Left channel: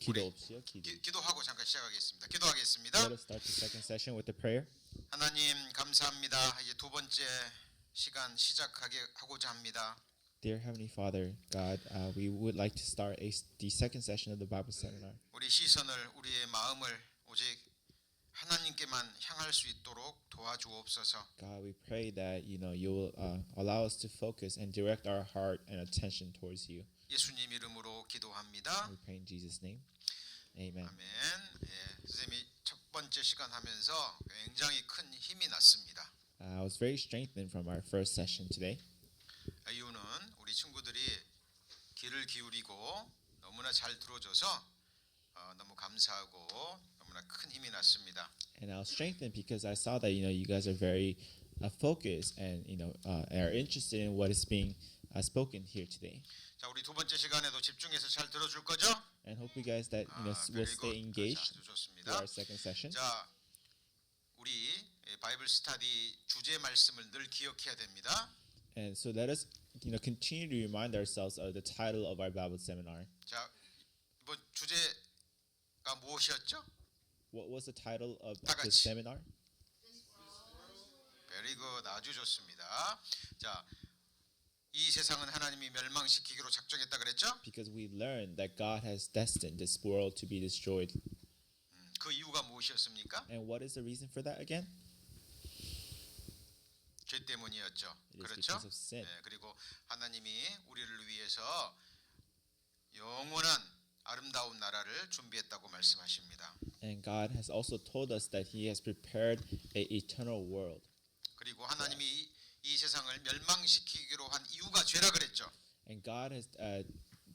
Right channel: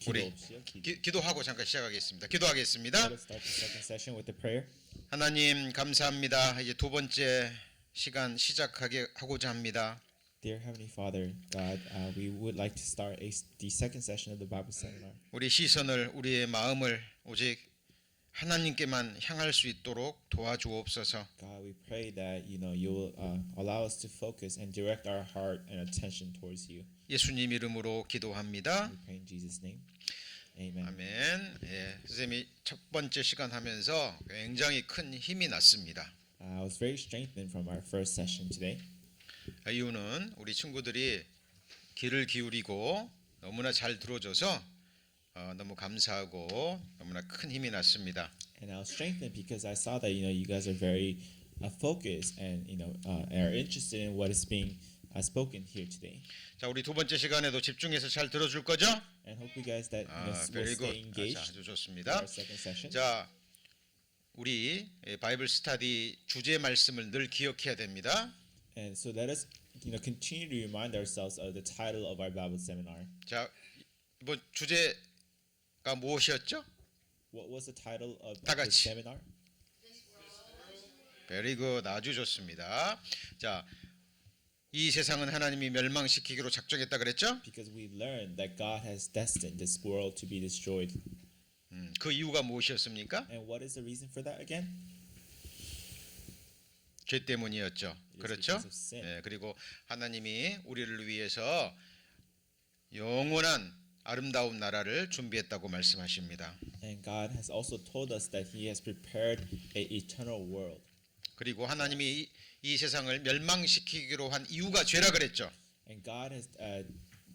기도 우리 없이요. 기도. 기도하고 잠깐 시작하겠습니다. 기도하겠습니다. Let us start the second session with the prayer. 하나님 감사합니다. 이제 두 번째 시간 하고자 합니다. Dear Heavenly Father, God, we would like to start the second session of the Bible seminar. 우리 시선을 우리의 마음을 오직 하나님께만 향할 수 있도록 도와주옵소서. God, we pray that you will allow us to focus and direct our heart and attention towards you. 예수님 이름으로 기도합니다. We pray in Jesus' name. Amen. 아멘. 예, 선생님이 첫 번째 시간 하면서 굉장히 큰 힘이 났습니다. I was very strengthened from our first session today. 이유는 우리 친구들이 귀를 기울이고 너무나 잘 들어줘서 너무 감사하고 너무나 큰 힘이 났습니다. And I was strengthened because I saw that you guys are very focused and are interested in what is being spoken here today. 자, 우리 두 번째 시간에도 집중해서 잘 들어줄 거죠? And hope you guys that will stay engaged 아주 for 좋습니다. our second session. 자, 우리 바이블 스터디 주제 말씀을 늘 기억해야 됩니다. And so let us continue to remind ourselves of the title of our Bible seminar. 자, 이번 주제가 무엇이었죠? What was the title of 다 this 같이. seminar? Very good. 아주 좋습니다. 자, 이 세상은 하나님이 멸망시키기로 작정했다 그랬죠? Because we've learned that God has destined this world to be destroyed. 그 이유가 무엇이었습니까? And what is the reason for that again? 죄 때문이었죠. It is 그렇죠? because of sin. 네, 그리고 하나님이 우리를 위해서 영원한 아름다운 나라를 준비했다고 말씀하십니다. And God has also told us that He has prepared an eternal world. 그리고 하나님이 이 세상을 멸망시키기로 한 이유가 죄라 그랬죠. And God has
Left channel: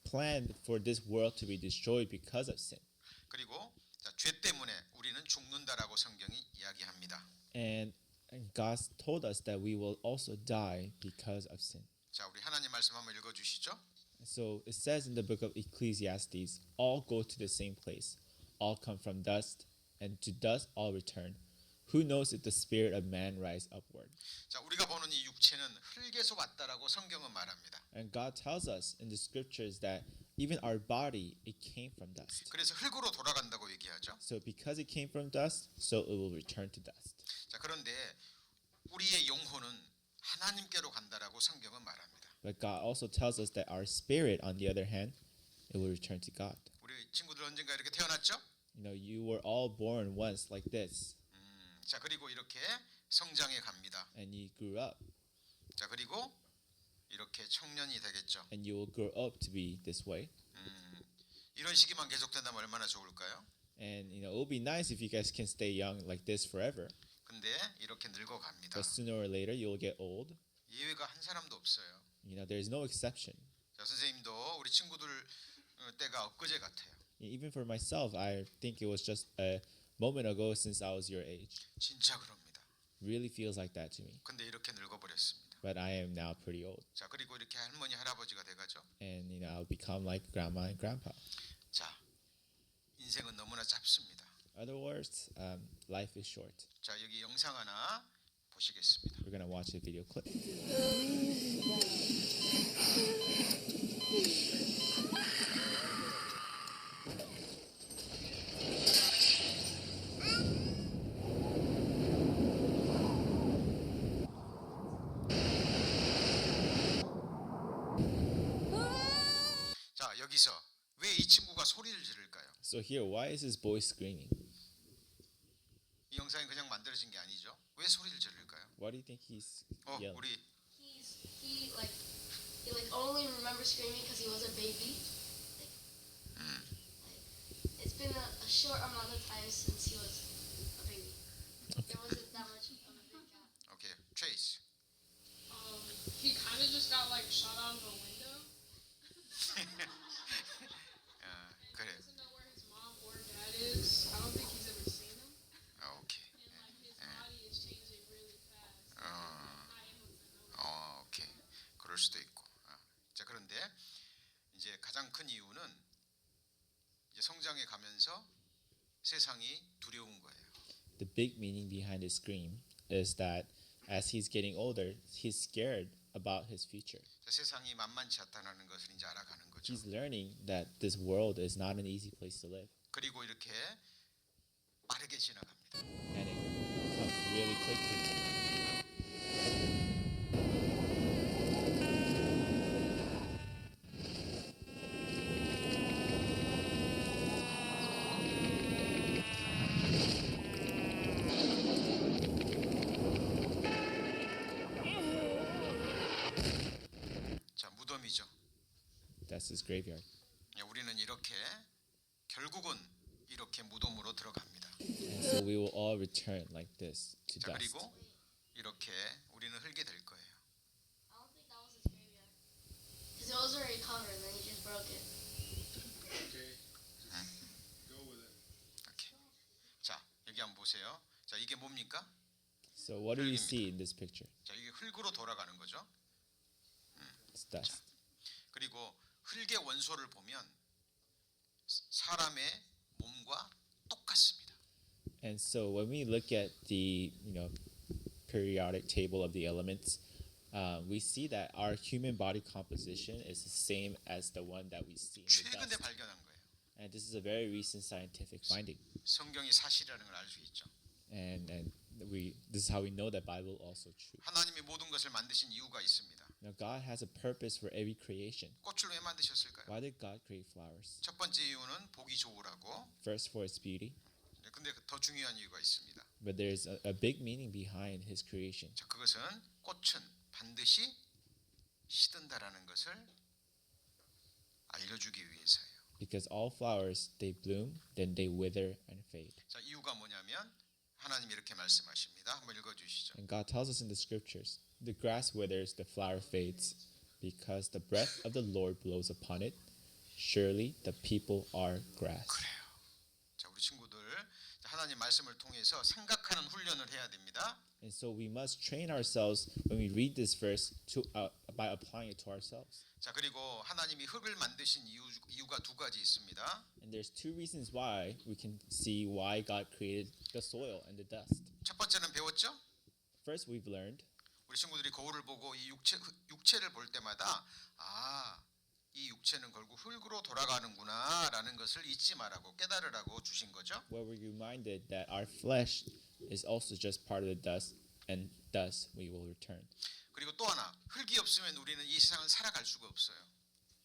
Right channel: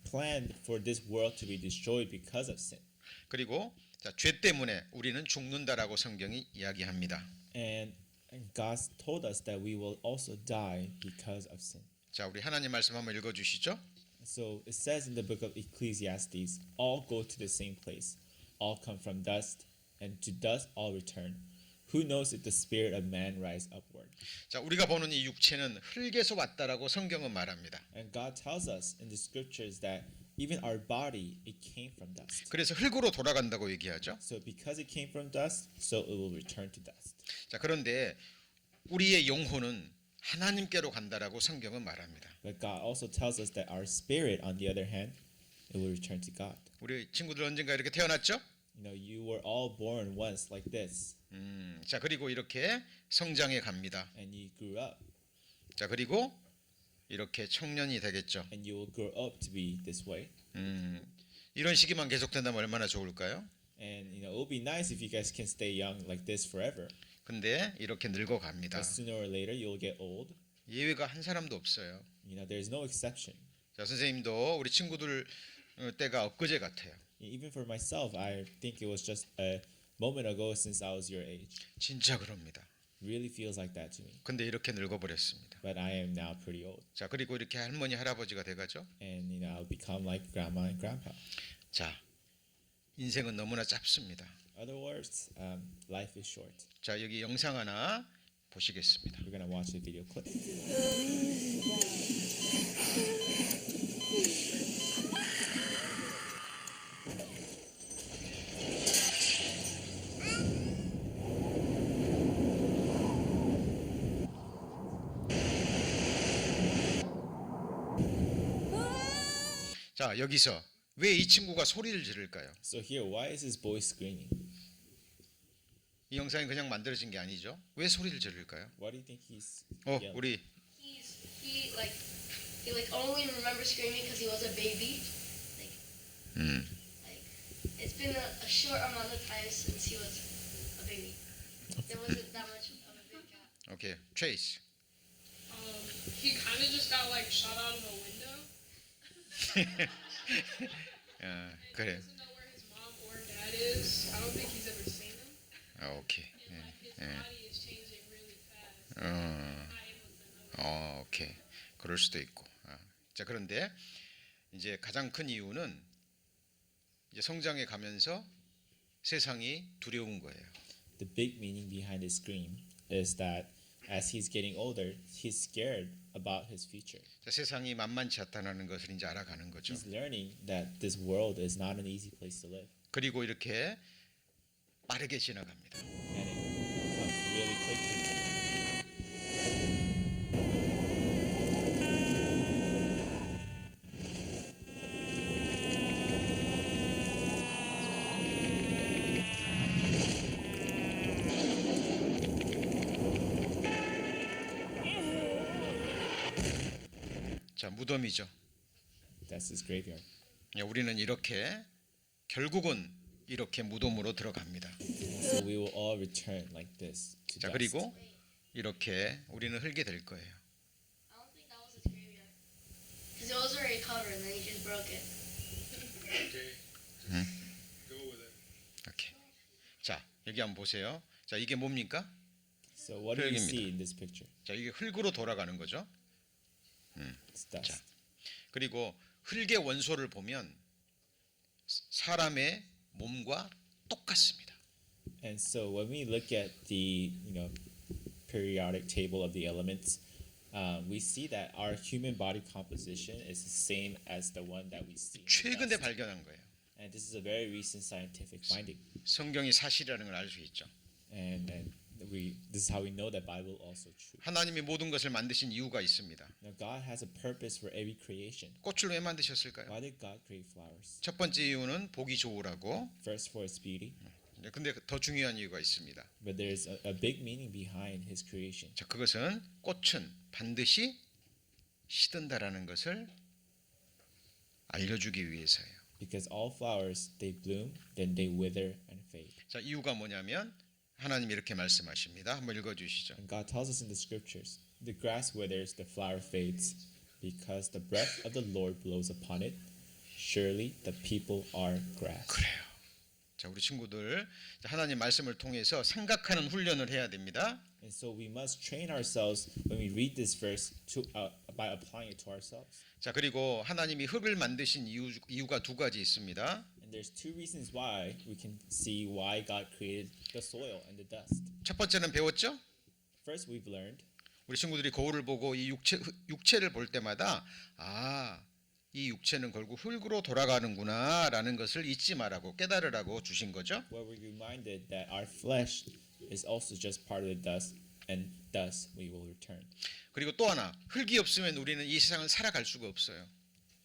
planned for this world to be destroyed because of sin. 그리고 자, 죄 때문에 우리는 죽는다라고 성경이 이야기합니다. And God told us that we will also die because of sin. 자, 우리 하나님 말씀 한번 읽어 주시죠. So it says in the book of Ecclesiastes, all go to the same place, all come from dust, and to dust all return. Who knows if the spirit of man rise upward? 자, 우리가 보는 이 육체는 흙에서 왔다라고 성경은 말합니다. And God tells us in the scriptures that even our body, it came from dust. 그래서 흙으로 돌아간다고 얘기하죠. So because it came from dust, so it will return to dust. 자, 그런데 우리의 영혼은 하나님께로 간다라고 성경은 말합니다. But God also tells us that our spirit, on the other hand, it will return to God. 우리 친구들 언젠가 이렇게 태어났죠? You were all born once like this, 자, 그리고 이렇게 성장해 갑니다. and you grew up, 자, 그리고 이렇게 청년이 되겠죠. and you will grow up to be this way. 이런 시기만 계속된다면 얼마나 좋을까요? And it would be nice if you guys can stay young like this forever. 근데 이렇게 늙어 갑니다. But sooner or later, you'll get old. 예외가 한 사람도 없어요. There's no exception. 자, 선생님도 우리 친구들 때가 엊그제 같아요. Even for myself, I think it was just a moment ago since I was your age. 진짜 그럽니다. Really feels like that to me. 근데 이렇게 늙어버렸습니다. But I am now pretty old. 자, 그리고 이렇게 할머니 할아버지가 돼가죠. And I'll become like grandma and grandpa. 자, 인생은 너무나 짧습니다. Other words, life is short. 자, 여기 영상 하나 보시겠습니다. We're gonna watch a video clip. 자, 여기서 왜 이 친구가 소리를 지를까요? So here, why is this boy screaming? 이 영상이 그냥 만들어진 게 아니죠. 왜 소리를 지를까요? Why do you think he's yelling? 우리 He only remembers screaming because he was a baby. Like it's been a short amount of time since he was a baby. There wasn't that much of a big gap. 오케이, 트레이스. He kind of just got like shot out of a window. 그래. Doesn't know where his mom or dad is. I don't think he's ever seen them. 오케이. His body is changing really fast. I am with them. 오케이. 그럴 수도 있고. 자, 그런데 이제 가장 큰 이유는 이제 성장해 가면서 세상이 두려운 거예요. The big meaning behind his scream is that as he's getting older, he's scared about his future. 자, 세상이 만만치 않다는 것을 이제 알아가는 거죠. He's learning that this world is not an easy place to live, 그리고 이렇게 빠르게 지나갑니다. and it comes really quickly. 자, 무덤이죠. That's his graveyard. 우리는 이렇게 결국은 이렇게 무덤으로 들어갑니다. So we will all return like this to 자, dust. 그리고 이렇게 우리는 흙이 될 거예요. I don't think that was his graveyard. Because it was already covered and then he just broke it. Okay. Go with it. 이렇게. 자, 여기 한번 보세요. 자, 이게 뭡니까? So what do you 흙입니다. see in this picture? 자, 이게 흙으로 돌아가는 거죠. It's dust. 그리고 흙의 원소를 보면 사람의 몸과 똑같습니다. And so when we look at the periodic table of the elements, we see that our human body composition is the same as the one that we see in the 최근에 dust. 발견한 거예요. And this is a very recent scientific finding. 성경이 사실이라는 걸 알 수 있죠. And this is how we know that Bible also true. 하나님이 모든 것을 만드신 이유가 있습니다. Now God has a purpose for every creation. 꽃을 왜 만드셨을까요? Why did God create flowers? 첫 번째 이유는 보기 좋으라고. First for its beauty, 근데 더 중요한 이유가 있습니다. but there's a big meaning behind His creation. 자, 그것은 꽃은 반드시 시든다라는 것을 알려주기 위해서예요. Because all flowers they bloom, then they wither and fade. 자, 이유가 뭐냐면 하나님이 이렇게 말씀하십니다. 한번 읽어주시죠. And God tells us in the scriptures, the grass withers, the flower fades, because the breath of the Lord blows upon it. Surely the people are grass. 그래요. 자, 우리 친구들 하나님 말씀을 통해서 생각하는 훈련을 해야 됩니다. And so we must train ourselves when we read this verse by applying it to ourselves. 자, 그리고 하나님이 흙을 만드신 이유가 두 가지 있습니다. And there's two reasons why we can see why God created the soil and the dust. 첫 번째는 배웠죠? First, we've learned 우리 친구들이 거울을 보고 이 육체를 볼 때마다 이 육체는 결국 흙으로 돌아가는구나라는 것을 잊지 말라고 깨달으라고 주신 거죠. where we're reminded that our flesh is also just part of the dust, and thus we will return. 그리고 또 하나, 흙이 없으면 우리는 이 세상을 살아갈 수가 없어요.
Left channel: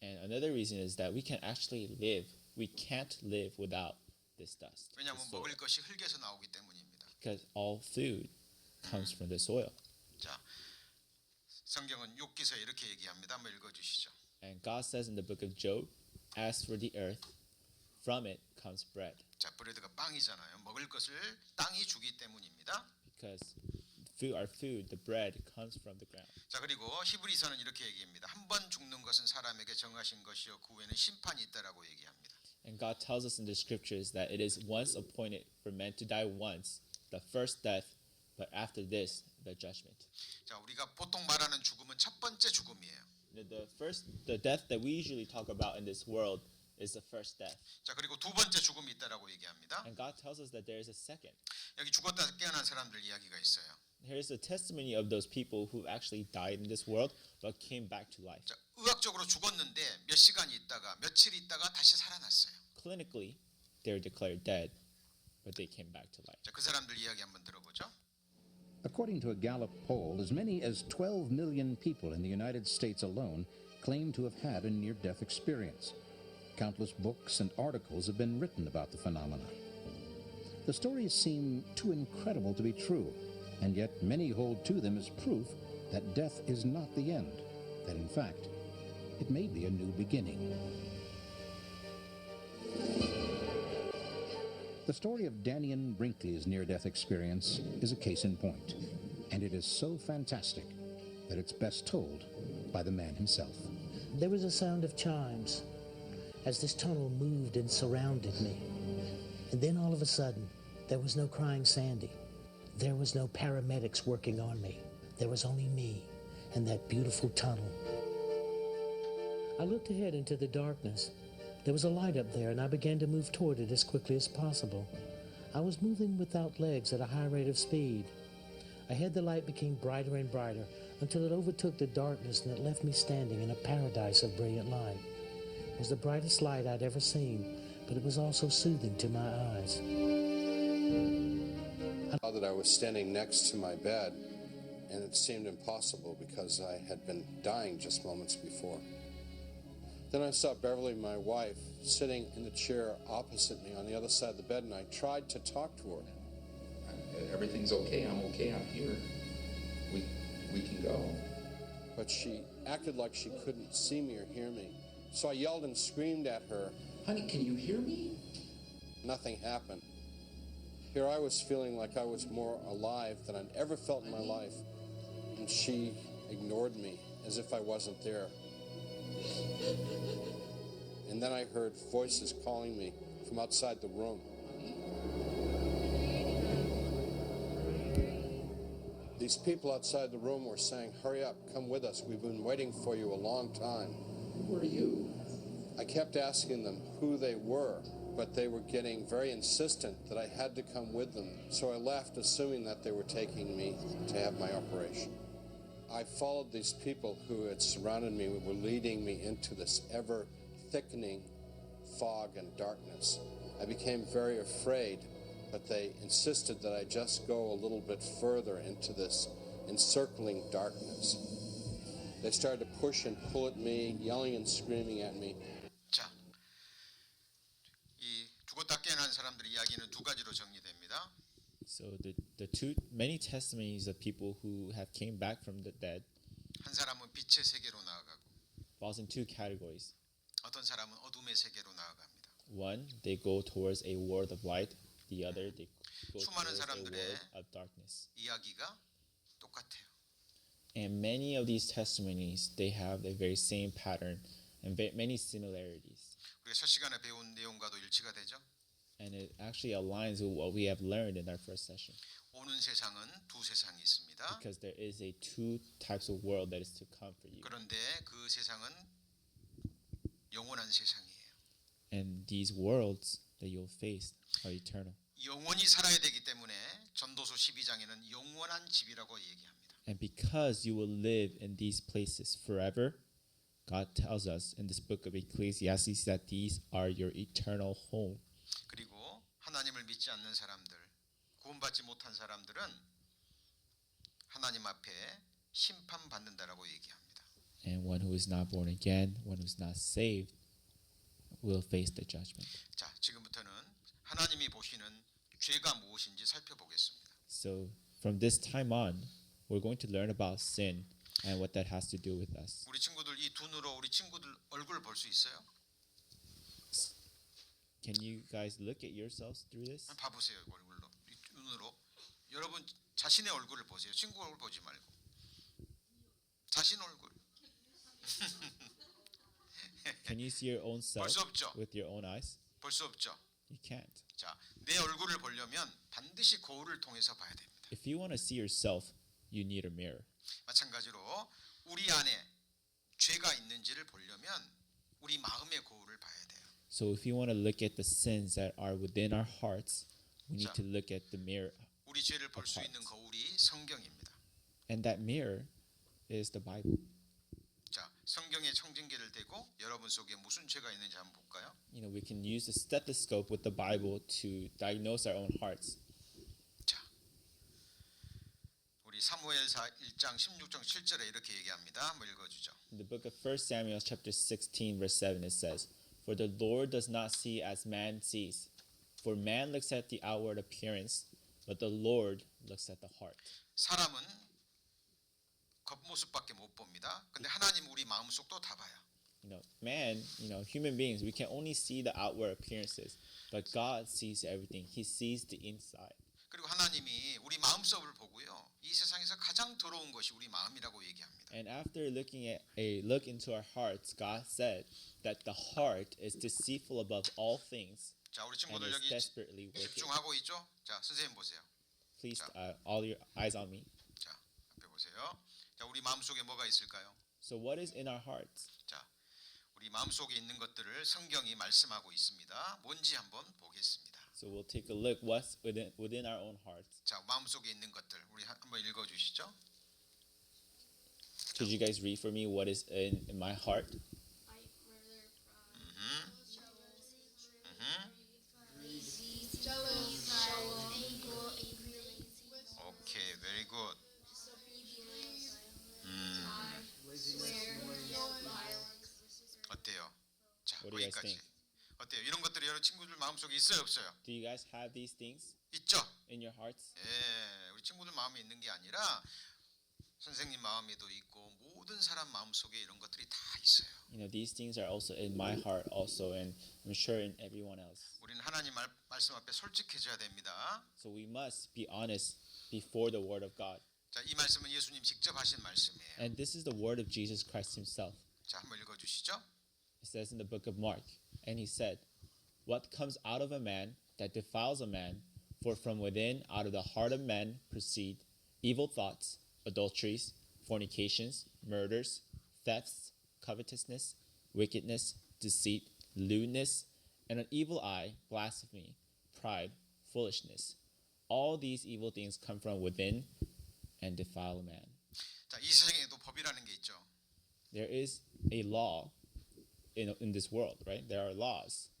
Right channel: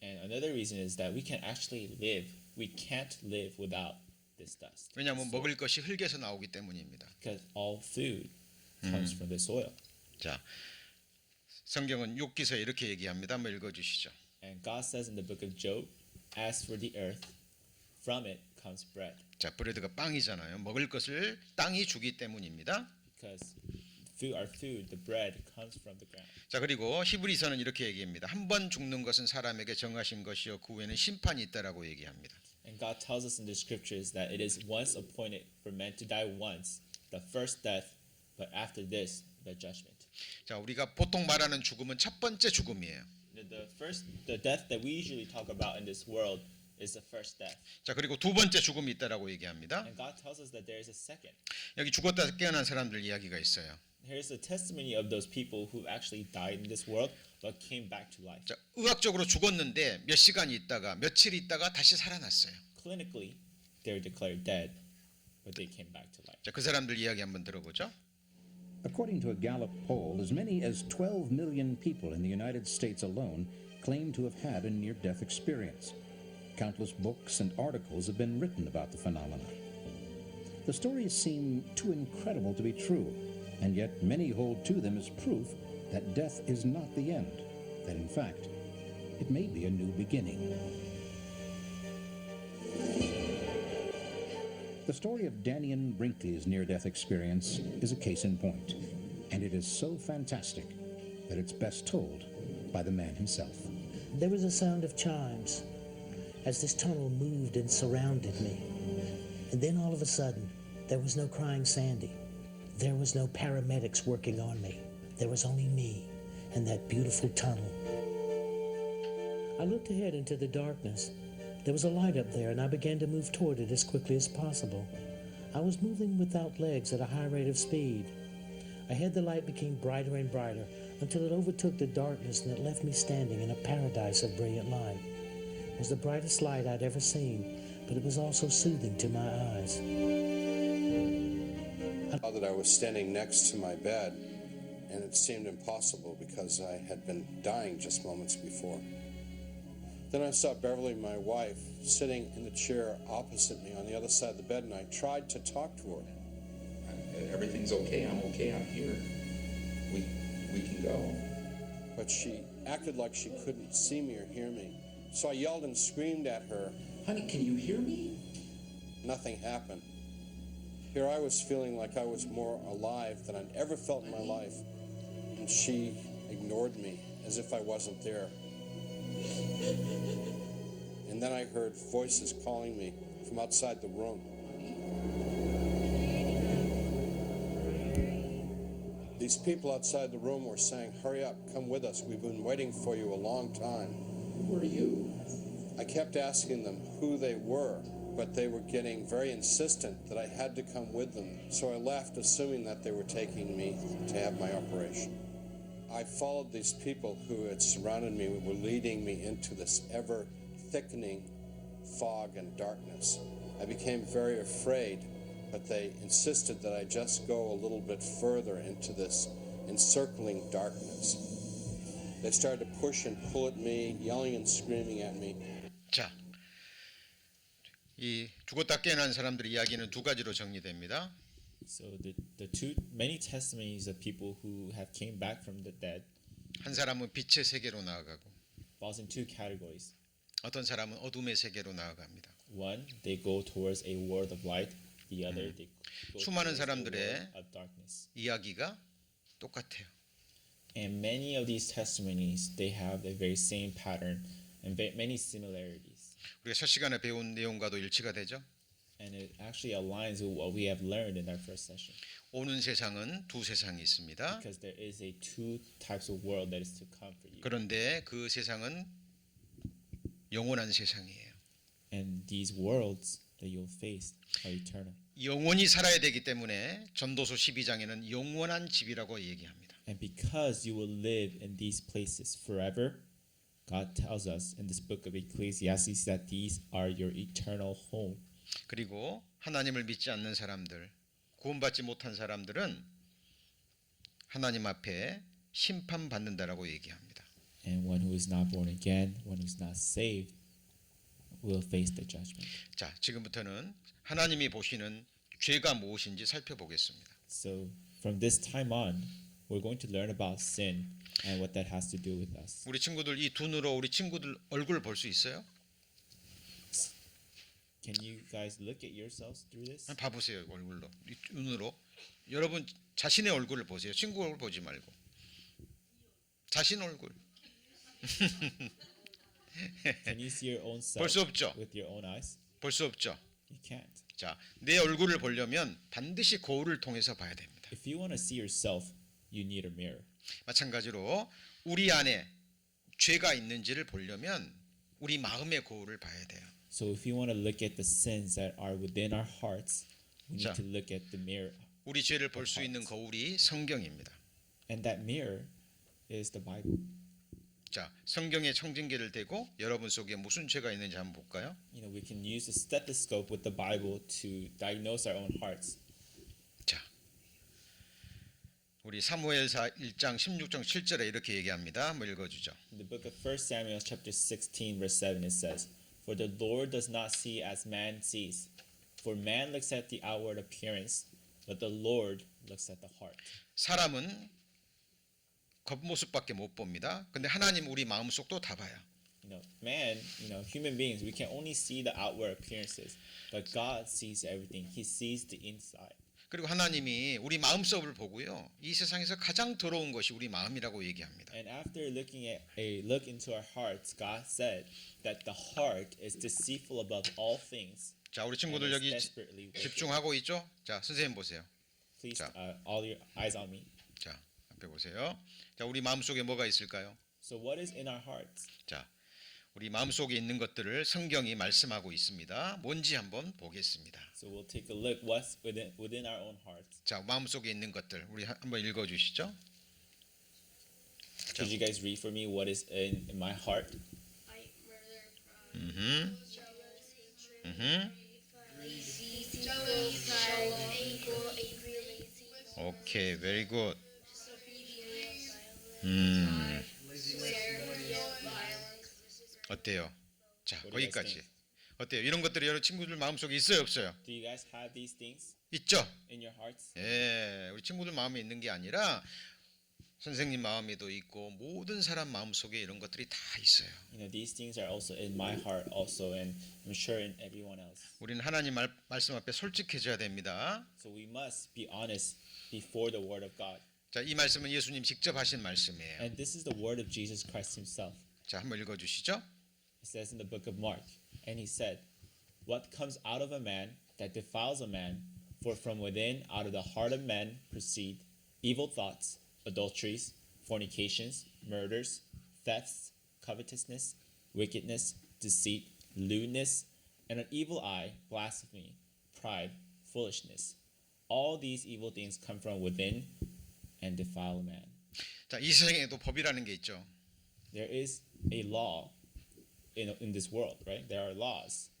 And another reason is that we can actually live. We can't live without this dust. 왜냐하면 the soil, 먹을 것이 흙에서 나오기 때문입니다. because all food comes from the soil. 자, 성경은 욥기서에 이렇게 얘기합니다. 한번 읽어주시죠. And God says in the book of Job, as for the earth, from it comes bread. 자, 브레드가 빵이잖아요. 먹을 것을 땅이 주기 때문입니다. Because our food, the bread, comes from the ground. 자, 그리고 히브리서는 이렇게 얘기합니다. 한 번 죽는 것은 사람에게 정하신 것이요 그 후에는 심판이 있다라고 얘기합니다. And God tells us in the scriptures that it is once appointed for men to die once, the first death, but after this, the judgment. 자, 우리가 보통 말하는 죽음은 첫 번째 죽음이에요. The death that we usually talk about in this world is the first death. 자, 그리고 두 번째 죽음이 있다라고 얘기합니다. And God tells us that there is a second. 여기 죽었다 깨어난 사람들 이야기가 있어요. Here's the testimony of those people who actually died in this world but came back to life. 자, 의학적으로 죽었는데 몇 시간 있다가 며칠 있다가 다시 살아났어요. Clinically, they were declared dead, but they came back to life. 자, 그 사람들 이야기 한번 들어보죠. According to a Gallup poll, as many as 12 million people in the United States alone claim to have had a near-death experience. Countless books and articles have been written about the phenomena. The stories seem too incredible to be true, and yet many hold to them as proof that death is not the end, that in fact, it may be a new beginning. The story of Daniel Brinkley's near-death experience is a case in point, and it is so fantastic that it's best told by the man himself. There was a sound of chimes as this tunnel moved and surrounded me. And then all of a sudden, there was no crying Sandy. There was no paramedics working on me. There was only me and that beautiful tunnel. I looked ahead into the darkness. There was a light up there, and I began to move toward it as quickly as possible. I was moving without legs at a high rate of speed. Ahead, the light became brighter and brighter until it overtook the darkness and it left me standing in a paradise of brilliant light. It was the brightest light I'd ever seen, but it was also soothing to my eyes. I saw that I was standing next to my bed, and it seemed impossible because I had been dying just moments before. Then I saw Beverly, my wife, sitting in the chair opposite me on the other side of the bed, and I tried to talk to her. Everything's okay. I'm okay. I'm here. We can go. But she acted like she couldn't see me or hear me. So I yelled and screamed at her. Honey, can you hear me? Nothing happened. Here I was feeling like I was more alive than I'd ever felt in my life. And she ignored me as if I wasn't there. And then I heard voices calling me from outside the room. These people outside the room were saying, "Hurry up, come with us. We've been waiting for you a long time." Who are you? I kept asking them who they were, but they were getting very insistent that I had to come with them. So I left, assuming that they were taking me to have my operation. I followed these people who had surrounded me, were leading me into this ever-thickening fog and darkness. I became very afraid, but they insisted that I just go a little bit further into this encircling darkness. They started to push and pull at me, yelling and screaming at me. 자, 이 죽었다 깨어난 사람들의 이야기는 두 가지로 정리됩니다. So the two many testimonies of people who have came back from the dead 한 사람은 빛의 세계로 나아가고 falls in two categories. 어떤 사람은 어둠의 세계로 나아갑니다. One, they go towards a world of light. The other, they go 수많은 towards a world 사람들의 of darkness. 이야기가 똑같아요. And many of these testimonies, they have the very same pattern and many similarities. 우리가 첫 시간에 배운 내용과도 일치가 되죠. And it actually aligns with what we have learned in our first session. 오는 세상은 두 세상이 있습니다. Because there is a two types of world that is to come for you. 그런데 그 세상은 영원한 세상이에요. And these worlds that you'll face are eternal. 영원히 살아야 되기 때문에 전도서 12장에는 영원한 집이라고 얘기합니다. And because you will live in these places forever, God tells us in this book of Ecclesiastes that these are your eternal home. 그리고 하나님을 믿지 않는 사람들, 구원받지 못한 사람들은 하나님 앞에 심판받는다라고 얘기합니다. And one who is not born again, one who is not saved, will face the judgment. 자, 지금부터는 하나님이 보시는 죄가 무엇인지 살펴보겠습니다. So from this time on, we're going to learn about sin and what that has to do with us. 우리 친구들 이 두 눈으로 우리 친구들 얼굴 볼 수 있어요? Can you guys look at yourselves through this? 한번 봐보세요. 얼굴로 이 눈으로 여러분 자신의 얼굴을 보세요. 친구 얼굴 보지 말고 자신 얼굴. Can you see your own self 볼 수 없죠. with your own eyes? 볼 수 없죠. You can't. 자, 내 얼굴을 보려면 반드시 거울을 통해서 봐야 됩니다. If you want to see yourself, you need a mirror. 마찬가지로 우리 안에 죄가 있는지를 보려면 우리 마음의 거울을 봐야 돼요. So if you want to look at the sins that are within our hearts, we need 자. to look at the mirror. 우리 죄를 볼 수 있는 거울이 성경입니다. And that mirror is the Bible. 자, 성경의 청진기를 대고 여러분 속에 무슨 죄가 있는지 한번 볼까요? You know, we can use the stethoscope with the Bible to diagnose our own hearts. 자, 우리 사무엘사 1장 16장 7절에 이렇게 얘기합니다. 한번 읽어주죠. In the book of 1 Samuel chapter 16 verse 7 it says, "For the Lord does not see as man sees, for man looks at the outward appearance, but the Lord looks at the heart." 사람은 겉모습밖에 못 봅니다. 근데 하나님 우리 마음속도 다 봐요. Human beings, we can only see the outward appearances, but God sees everything. He sees the inside. 그리고 하나님이 우리 마음속을 보고요. 이 세상에서 가장 더러운 것이 우리 마음이라고 얘기합니다. And after looking at a look into our hearts, God said that the heart is deceitful above all things 자, 우리 and 친구들 is 여기 desperately wicked. 집중하고 있죠? 자, 선생님 보세요. Please, 자. all your eyes on me. 자, 앞에 보세요. 자, 우리 마음속에 뭐가 있을까요? So what is in our hearts? 자, 우리 마음속에 있는 것들을 성경이 말씀하고 있습니다. 뭔지 한번 보겠습니다. So we'll take a look what's within our own hearts. 자, 마음속에 있는 것들 우리 한번 읽어 주시죠. Could you guys read for me what is in my heart? Fight, murder, fraud, jealous, hatred, lazy, jealous, anger, angry, lazy, 오케이, very good. disobedience, lie, swear, violence. 어때요? 자, What do you guys 거기까지. think? 어때요? 이런 것들이 여러분 친구들 마음속에 있어요, 없어요? Do you guys have these things 있죠? in your hearts? 예, 우리 친구들 마음에 있는 게 아니라 선생님 마음에도 있고 모든 사람 마음속에 이런 것들이 다 있어요. You know, these things are also in my heart also, and I'm sure in everyone else. 우리는 하나님 말씀 앞에 솔직해져야 됩니다. So we must be honest before the word of God. 자, 이 말씀은 예수님 직접 하신 말씀이에요. And this is the word of Jesus Christ himself. 자, 한번 읽어 주시죠. It says in the book of Mark, and he said, "What comes out of a man that defiles a man? For from within, out of the heart of man, proceed evil thoughts, adulteries, fornications, murders, thefts, covetousness, wickedness, deceit, lewdness, and an evil eye, blasphemy, pride, foolishness. All these evil things come from within and defile a man." 자, 이 세상에도 법이라는 게 있죠. There is a law in this world, right? There are laws.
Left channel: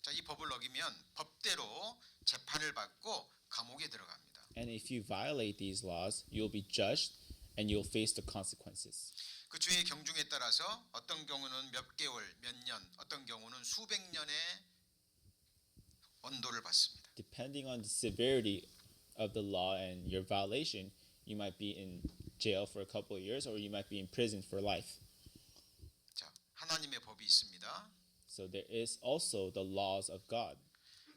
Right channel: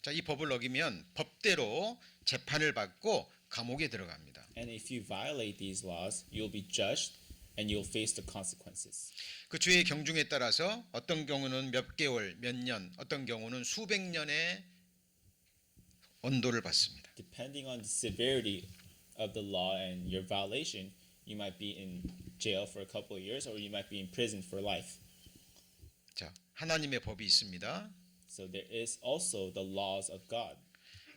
자, 이 법을 어기면 법대로 재판을 받고 감옥에 들어갑니다. And if you violate these laws, you'll be judged and you'll face the consequences. 그 죄의 경중에 따라서 어떤 경우는 몇 개월, 몇 년, 어떤 경우는 수백 년의 언도를 받습니다. Depending on the severity of the law and your violation, you might be in jail for a couple of years or you might be in prison for life. 자, 하나님의 법이 있습니다. So there is also the laws of God.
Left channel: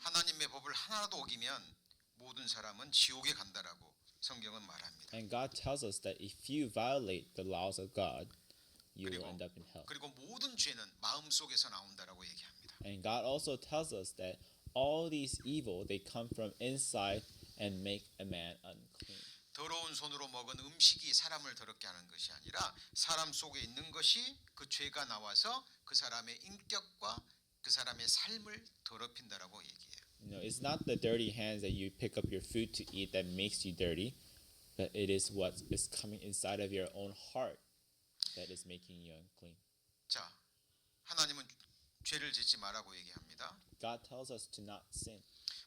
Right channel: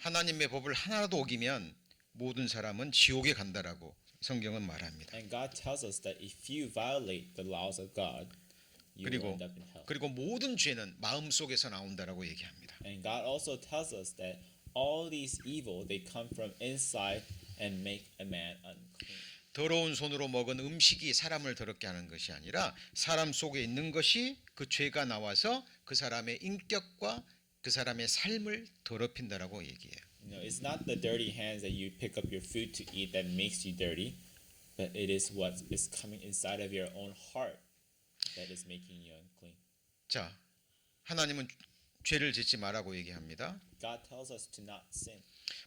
하나님의 법을 하나라도 어기면 모든 사람은 지옥에 간다라고 성경은 말합니다. And God tells us that if you violate the laws of God, you will 그리고 end up in hell. 그리고 모든 죄는 마음속에서 나온다라고 얘기합니다. And God also tells us that all these evil, they come from inside and make a man unclean. 더러운 손으로 먹은 음식이 사람을 더럽게 하는 것이 아니라 사람 속에 있는 것이 그 죄가 나와서 그 사람의 인격과 그 사람의 삶을 더럽힌다라고 얘기해요. You know, it's not the dirty hands that you pick up your food to eat that makes you dirty, but it is what is coming inside of your own heart that is making you unclean. 자, 하나님은 죄를 짓지 말라고 얘기합니다. God tells us to not sin.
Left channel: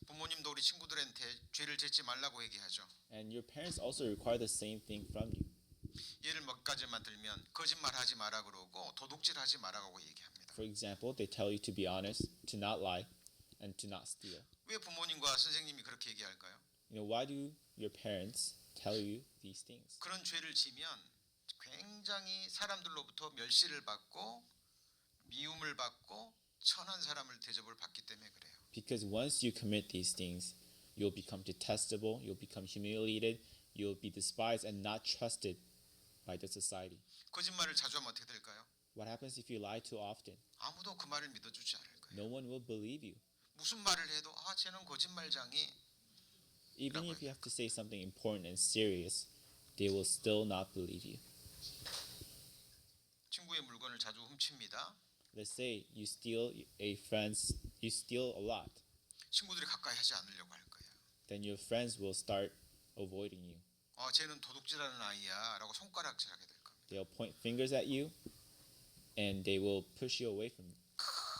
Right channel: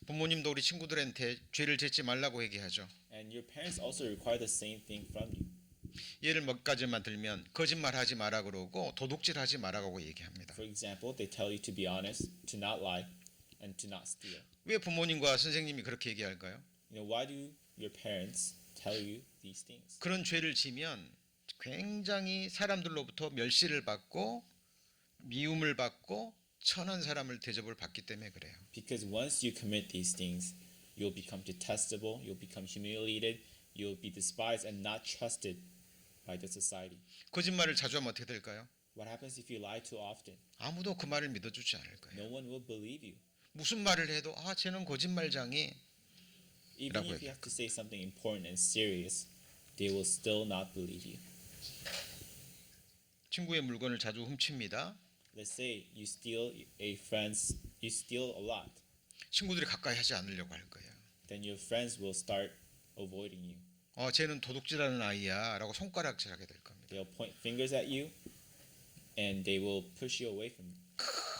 부모님도 우리 친구들한테 죄를 짓지 말라고 얘기하죠. And your parents also require the same thing from you. 예를 몇 가지만 들면 거짓말하지 마라 그러고 도둑질하지 마라고 얘기합니다. For example, they tell you to be honest, to not lie, and to not steal. 왜 부모님과 선생님이 그렇게 얘기할까요? You know, why do your parents tell you these things? 그런 죄를 지면 굉장히 사람들로부터 멸시를 받고 미움을 받고 천한 사람을 대접을 받기 때문에 그래요. Because once you commit these things, you'll become detestable, you'll become humiliated, you'll be despised and not trusted by the society. 거짓말을 자주 하면 어떻게 될까요? What happens if you lie too often? 아무도 그 말을 믿어주지 않을 거예요. No one will believe you. 무슨 말을 해도 아 쟤는 거짓말장이 Even 라고 if you have to say something important and serious, they will still not believe you. 친구의 물건을 자주 훔칩니다. Let's say you steal you steal a lot, 친구들이 가까이 하지 않으려고 할 거예요. then your friends will start avoiding you. 쟤는 도둑질하는 아이야라고 손가락질하게 될 겁니다. They'll point fingers at you, and they will push you away from you,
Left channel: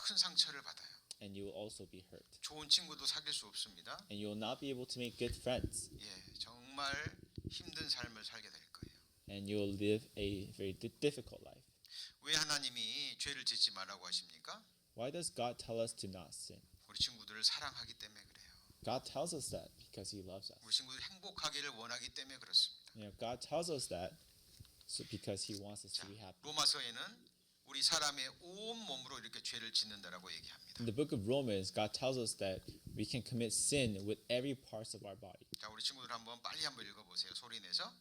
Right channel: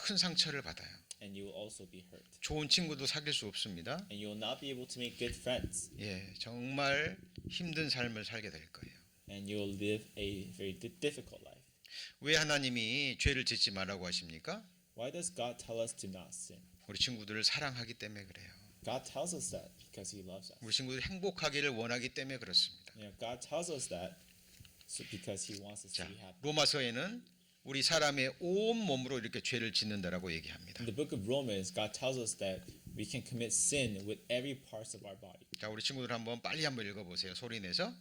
큰 상처를 받아요. and you will also be hurt. 좋은 친구도 사귈 수 없습니다. And you will not be able to make good friends, 예, 정말 힘든 삶을 살게 될 거예요. and you will live a very difficult life. 왜 하나님이 죄를 짓지 말라고 하십니까? Why does God tell us to not sin? 우리 친구들을 사랑하기 때문에 그래요. God tells us that because He loves us. 우리 친구들이 행복하기를 원하기 때문에 그렇습니다. You know, God tells us that because He wants us 자, to be happy. 로마서에는 우리 사람의 온 몸으로 이렇게 죄를 짓는다라고 얘기합니다. In the book of Romans, God tells us that we can commit sin with every part of our body. 자, 우리 친구들 한번 빨리 한번 읽어보세요. 소리 내서.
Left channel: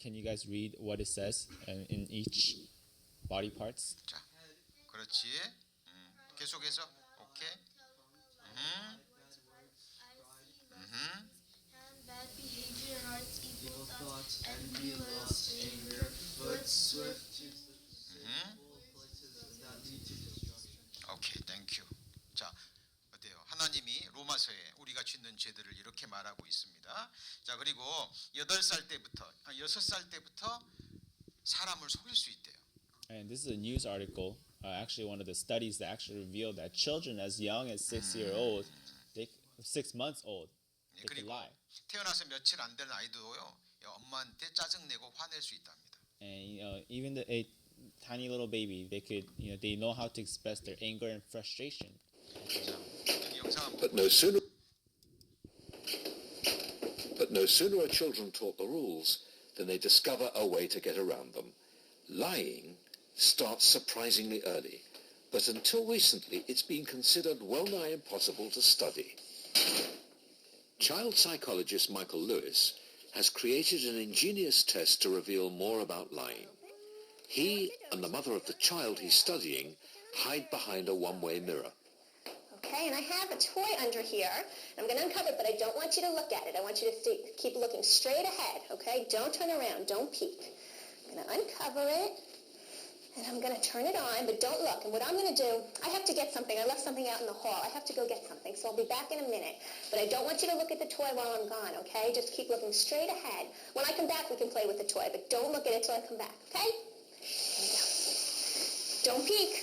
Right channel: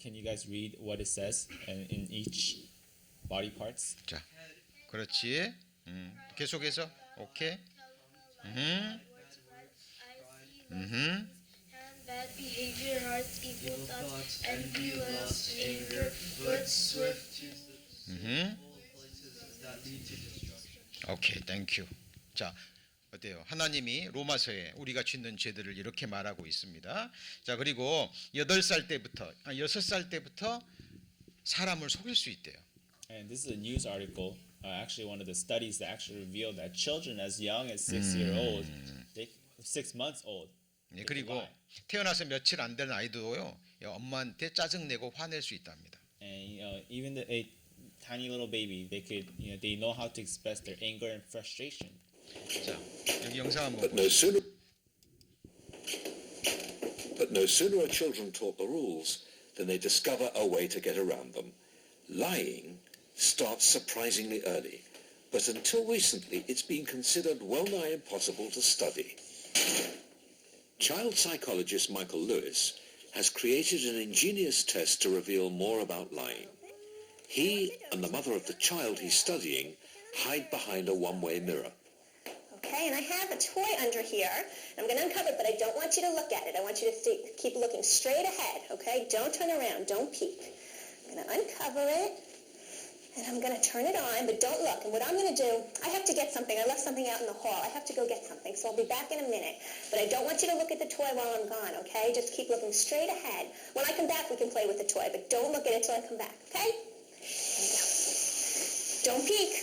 Can you guys read what it says in each body parts? 자, 그렇지. 계속해서. 오케이. Bad behavior, hearts, evil thoughts, envy, lust, anger, words, swift. 오케이, 땡큐. 자, 어때요? 하나님이 로마서에 우리가 짓는 죄들을 이렇게 말하고 있습니다. 자, 그리고 6살 때부터 사람을 속일 수 있대요. And this is a news article, actually one of the studies that actually revealed that children as young as 6 year old, 6 months old, 예, they could 그리고 lie. 태어나서 며칠 안 된 아이도요, 엄마한테 짜증내고 화낼 수 있답니다. And even a tiny little baby, they could, they know how to express their anger and frustration. 여기 영상 한번 But no sooner are children taught the rules than they discover a way to get around them. Lying starts surprisingly early, but until recently it's been considered well nigh impossible to study. Child psychologist Michael Lewis has created an ingenious test to reveal more about lying. He and the mother of the child he's studying hide behind a one-way mirror. Okay, and I have a toy under here. I'm going to uncover it, but I don't want you to look at it. I want you to keep looking straight ahead, okay? Don't turn around. Don't peek. I'm going to uncover it, and I'm going to turn it on, but don't look. And what I'm going to do, I have to get something. I left something out in the hall. I have to go get something, so I'll be back in a minute. But I don't want you to look at the toy while I'm gone, okay? Just keep looking straight ahead. When I come back, we can play with the toy, but don't look at it till I come back, okay? Here we go. Don't peek.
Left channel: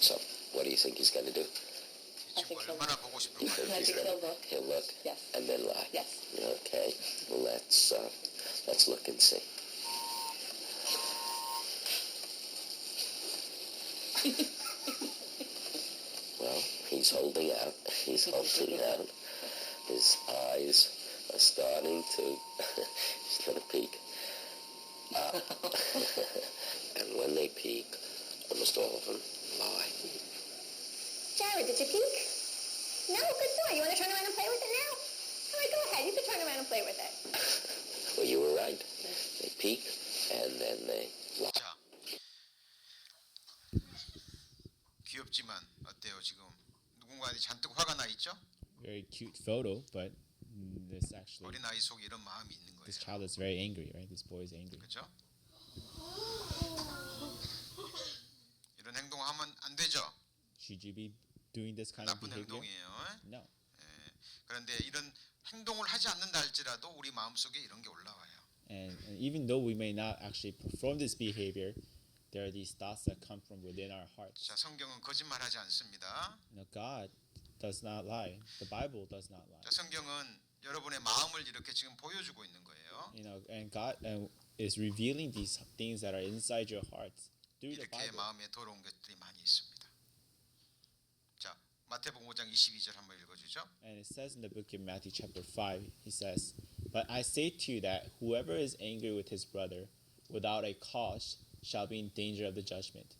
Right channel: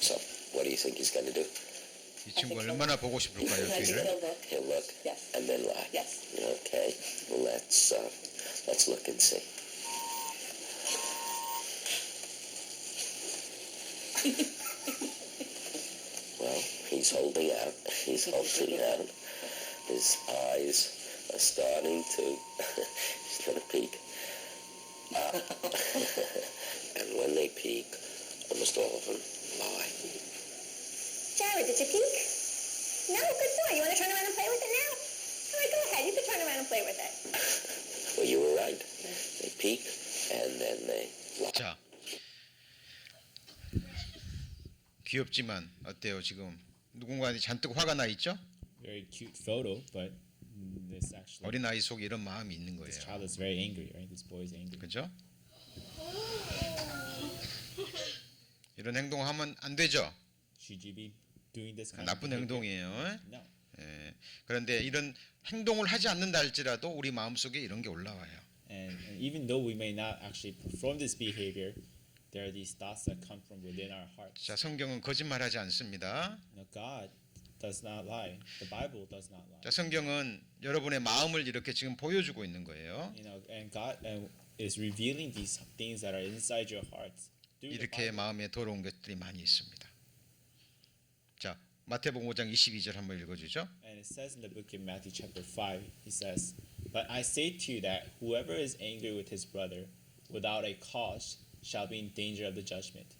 So, what do you think he's going to do? 이 친구 얼마나 보고 싶을까요? I think he'll look. He'll look Yes. and then lie. Yes. Okay, let's look and see. Well, he's holding out. He's holding out. His eyes are starting to. He's going to peek. And when they peek, almost all of them lie. Jared, did you peek? No, good boy. You want to turn around and play with it now? All right, go ahead. You can turn around and play with it. Well, you were right. They peek and then they lie. 자, 귀엽지만 어때요 지금? 누군가한테 잔뜩 화가 나 있죠? Very cute photo, but this actually, 어린 아이 속에 이런 마음이 있는 this 거예요. child is very angry, right? This boy is angry. 그렇죠? 이런 행동하면 안 되죠. Should you be doing this kind of 나쁜 behavior? 행동이에요. No. 예. 그런데 이런 행동을 하지 않는다 할지라도 우리 마음속에 이런 게 올라와요. And even though we may not actually perform this behavior, there are these thoughts that come from within our hearts. 자, 성경은 거짓말하지 않습니다. God does not lie. The Bible does not lie. 자, 성경은 여러분의 마음을 이렇게 지금 보여주고 있는 거예요. And God is revealing these things that are inside your hearts through the 이렇게 Bible. 마음에 더러운 것들이 많이 있습니다. 자, 마태복음 5장 22절 한번 읽어주죠. And it says in the book of Matthew chapter 5, he says, "But I say to you that whoever is angry with his brother without a cause shall be in danger of the judgment.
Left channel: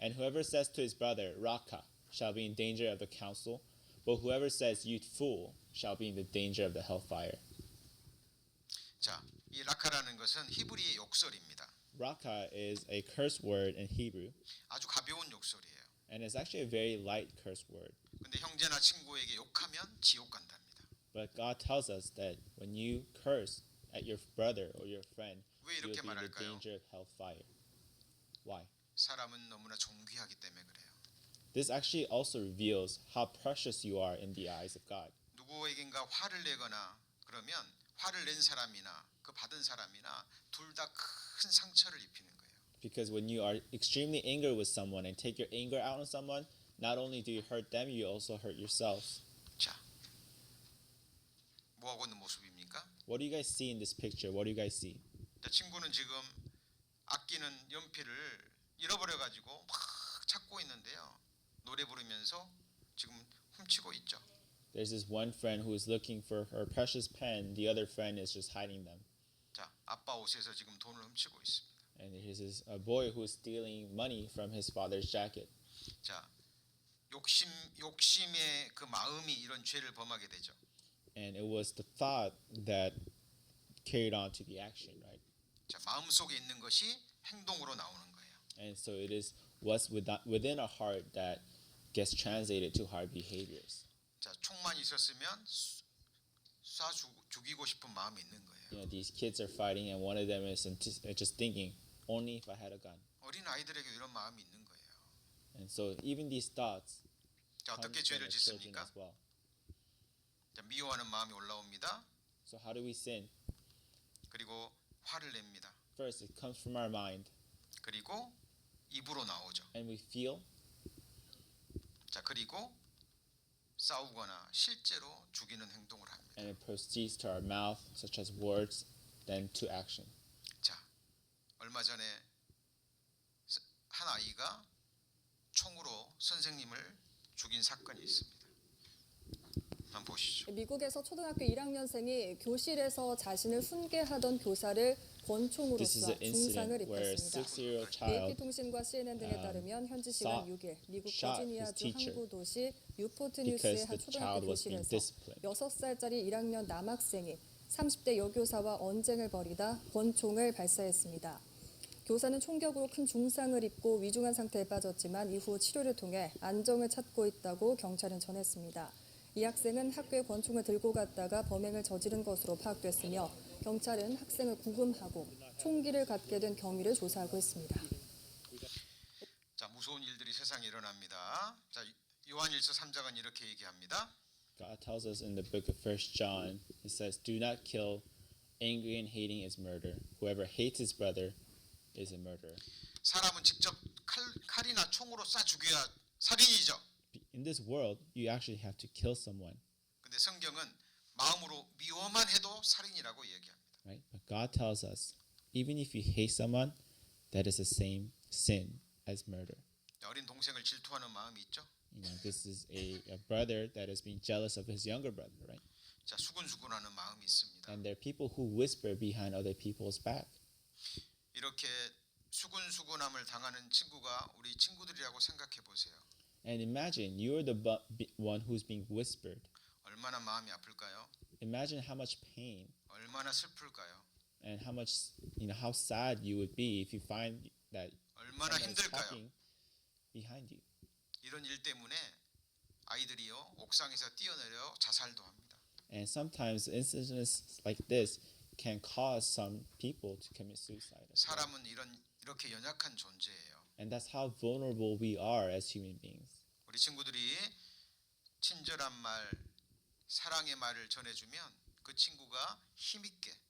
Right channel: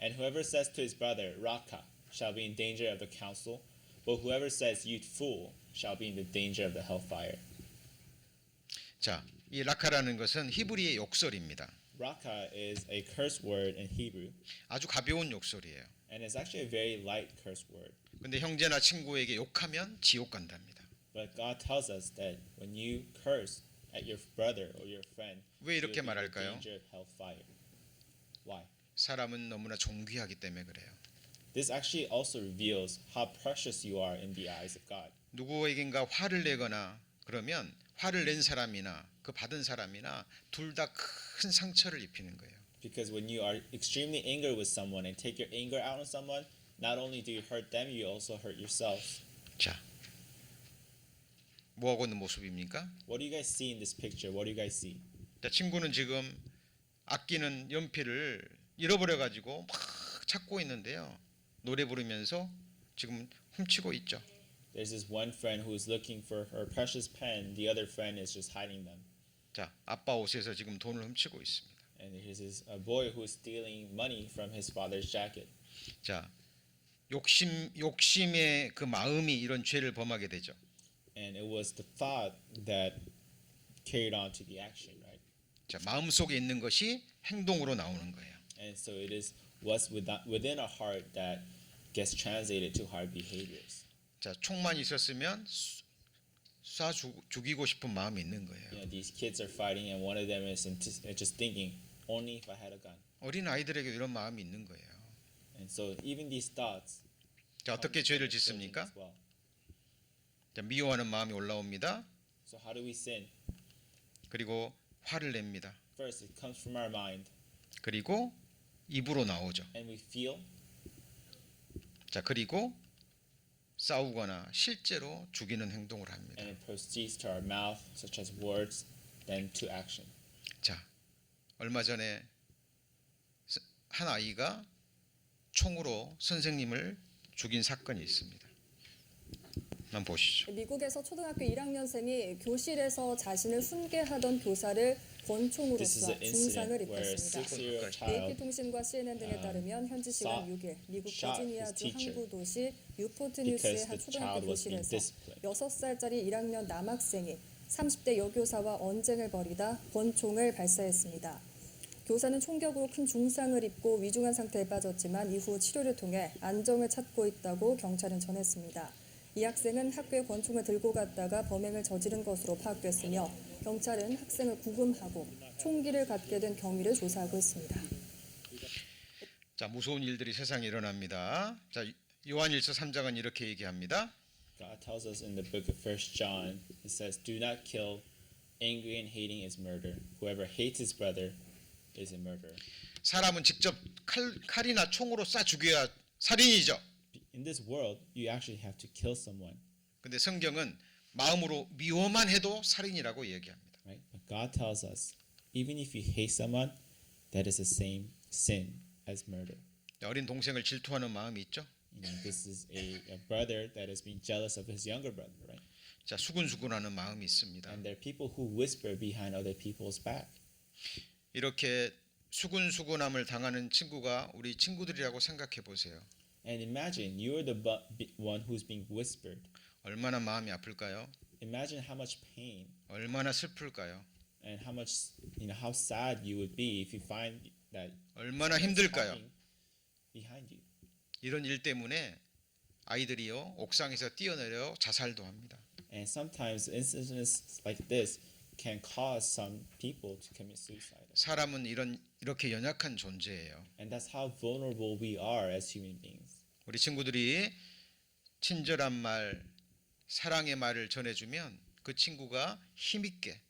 And whoever says to his brother, Raka, shall be in danger of the council. But whoever says, You fool, shall be in the danger of the hellfire." 자, 이 라카라는 것은 히브리의 욕설입니다. Raka is a curse word in Hebrew, 아주 가벼운 욕설이에요. and it's actually a very light curse word. 근데 형제나 친구에게 욕하면 지옥 간답니다. But God tells us that when you curse at your brother or your friend, 왜 you will 이렇게 be in the 말할까요? danger of hellfire. Why? 사람은 너무나 존귀하기 때문에 그래요. This actually also reveals how precious you are in the eyes of God. 누구에겐가 화를 내거나 그러면 화를 낸 사람이나 그 받은 사람이나 둘 다 큰 상처를 입히는 거예요. Because when you are extremely angry with someone and take your anger out on someone, not only do you hurt them, you also hurt yourself. 자, 뭐 하고 있는 모습입니까? What do you guys see in this picture? What do you guys see? 자, 친구는 지금 아끼는 연필을 잃어버려 가지고 막 찾고 있는데요. 노래 부르면서 지금 훔치고 있죠. There's this one friend who is looking for her precious pen. The other friend is just hiding them. 자, 아빠 옷에서 지금 돈을 훔치고 있습니다. And here's this a boy who is stealing money from his father's jacket. 자, 욕심의 그 마음이 이런 죄를 범하게 되죠. And it was the thought that carried on to the action, right? 자, 마음 속에 있는 것이 행동으로 나오는 거예요. And so it is what's within our heart that gets translated to our behaviors. 자, 총만 있었으면 쏴 죽이고 싶은 마음이 있는 거예요. You know, these kids are fighting, and one of them is just thinking, only if I had a gun. 어린 아이들에게 이런 마음이 있는 거예요. And so even these thoughts 자, 어떻게 come from 죄를 the children 짓습니까? as well. 자, 미워하는 마음이 올라옵니다. So how do we sin? 그리고 화를 냅니다. First, it comes from our mind, 그리고 입으로 나오죠. and we feel, 자, 그리고 싸우거나 실제로 죽이는 행동을 합니다. and it proceeds to our mouth, such as words, then to action. 자, 얼마 전에 한 아이가 총으로 선생님을 죽인 사건이 있습니다. 한번 보시죠. 미국에서 초등학교 1학년생이 교실에서 자신을 훈계하던 교사를 권총으로 This is 쏴 an 중상을 incident where a 입혔습니다. 6-year-old AP child 통신과 CNN 등에 따르면 현지 시간 6일 미국 shot 버지니아주 his teacher 항구 도시 뉴포트 because 뉴스의 한 the 초등학교 child was being 교실에서 disciplined. 6살짜리 1학년 남학생이 30대 여교사와 언쟁을 벌이다 권총을 발사했습니다. 교사는 총격으로 큰 중상을 입고 위중한 상태에 빠졌지만 이후 치료를 통해 안정을 찾고 있다고 경찰은 전했습니다. 이 학생은 학교에 권총을 들고 갔다가 범행을 저지른 것으로 파악됐으며 경찰은 학생을 구금하고 총기를 갖게 된 경위를 조사하고 있습니다. 자, 무서운 일들이 세상에 일어납니다. 자, 요한일서 3장은 이렇게 얘기합니다. God tells us in the book of 1 John, it says, "Do not kill. Angry and hating is murder. Whoever hates his brother is a murderer." 사람은 직접 칼이나 총으로 쏴 죽여야 살인이죠. In this world, you actually have to kill someone, 근데 성경은 마음으로 미워만 해도 살인이라고 얘기합니다. right? But God tells us, even if you hate someone, that is the same sin as murder. 어린 동생을 질투하는 마음이 있죠. You know, this is a brother that is being jealous of his younger brother, right? 자, 수군수군하는 마음이 있습니다. And there are people who whisper behind other people's back. 이렇게 수군수군함을 당하는 친구가 우리 친구들이라고 생각해 보세요. And imagine you're the one who's being whispered. 얼마나 마음이 아플까요? Imagine how much pain 얼마나 슬플까요? and how much, how sad you would be if you find that 얼마나 someone is 힘들까요? talking behind you. 이런 일 때문에 아이들이요 옥상에서 뛰어내려 자살도 합니다. And sometimes incidents like this can cause some people to commit suicide. 사람은 이렇게 연약한 존재예요. And that's how vulnerable we are as human beings. 우리 친구들이 친절한 말, 사랑의 말을 전해주면 그 친구가 힘있게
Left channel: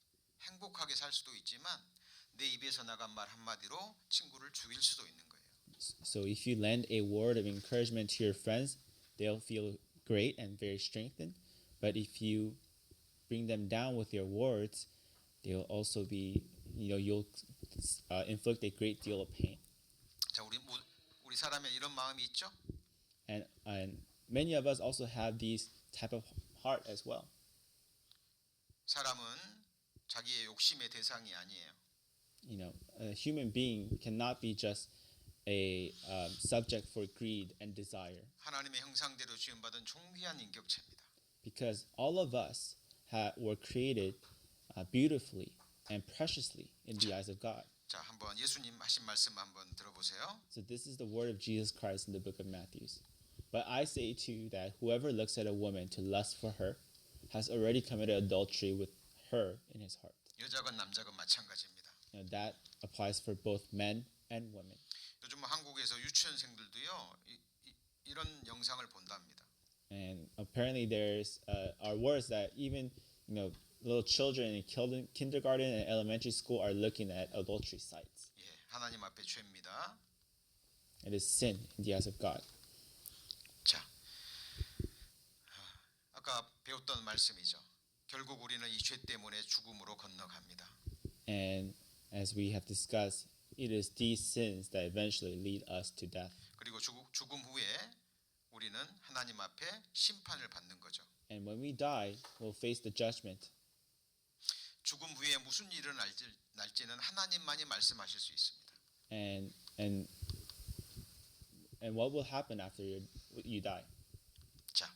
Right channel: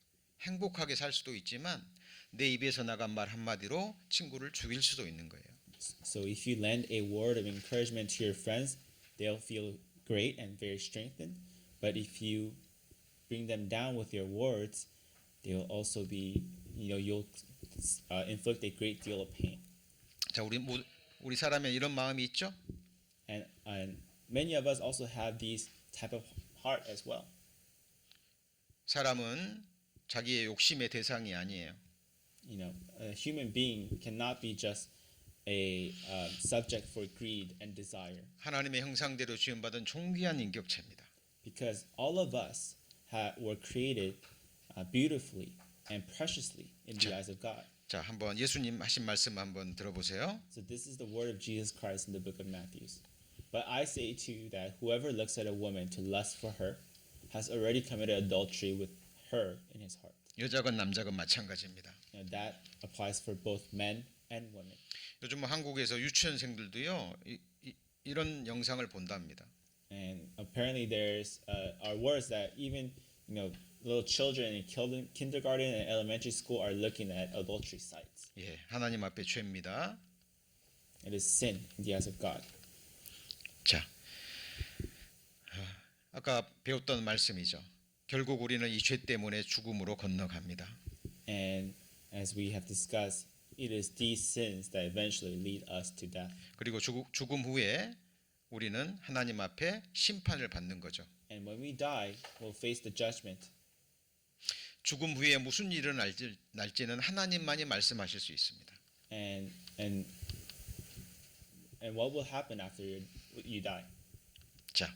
행복하게 살 수도 있지만 내 입에서 나간 말 한마디로 친구를 죽일 수도 있는 거예요. So if you lend a word of encouragement to your friends, they'll feel great and very strengthened. But if you bring them down with your words, they'll also be, you'll inflict a great deal of pain. 자, 우리 사람에 이런 마음이 있죠? And many of us also have these type of heart as well. 사람은 자기의 욕심의 대상이 아니에요. A human being cannot be just a subject for greed and desire. 하나님의 형상대로 지음받은 존귀한 인격체입니다. Because all of us were created beautifully and preciously in the eyes of God. 자, 한번 예수님 하신 말씀 한번 들어보세요. So this is the word of Jesus Christ in the book of Matthew. But I say to you that whoever looks at a woman to lust for her has already committed adultery with her in his heart. 여자건 남자건 마찬가지입니다. That applies for both men and women. 요즘 한국에서 유치원생들도요 이런 영상을 본답니다. And apparently there's are words that even little children in kindergarten and elementary school are looking at adultery sites. 예, 하나님 앞에 죄입니다. It is sin in the eyes of God. 자, 아까 배웠던 말씀이죠. 결국 우리는 이 죄 때문에 죽음으로 건너갑니다. And as we have discussed, it is these sins that eventually lead us to death. 그리고 죽음 후에 우리는 하나님 앞에 심판을 받는 거죠. And when we die, we'll face the judgment. 죽음 후에 무슨 일이 날지는 하나님만이 말씀하실 수 있습니다. And what will happen after you die? 자,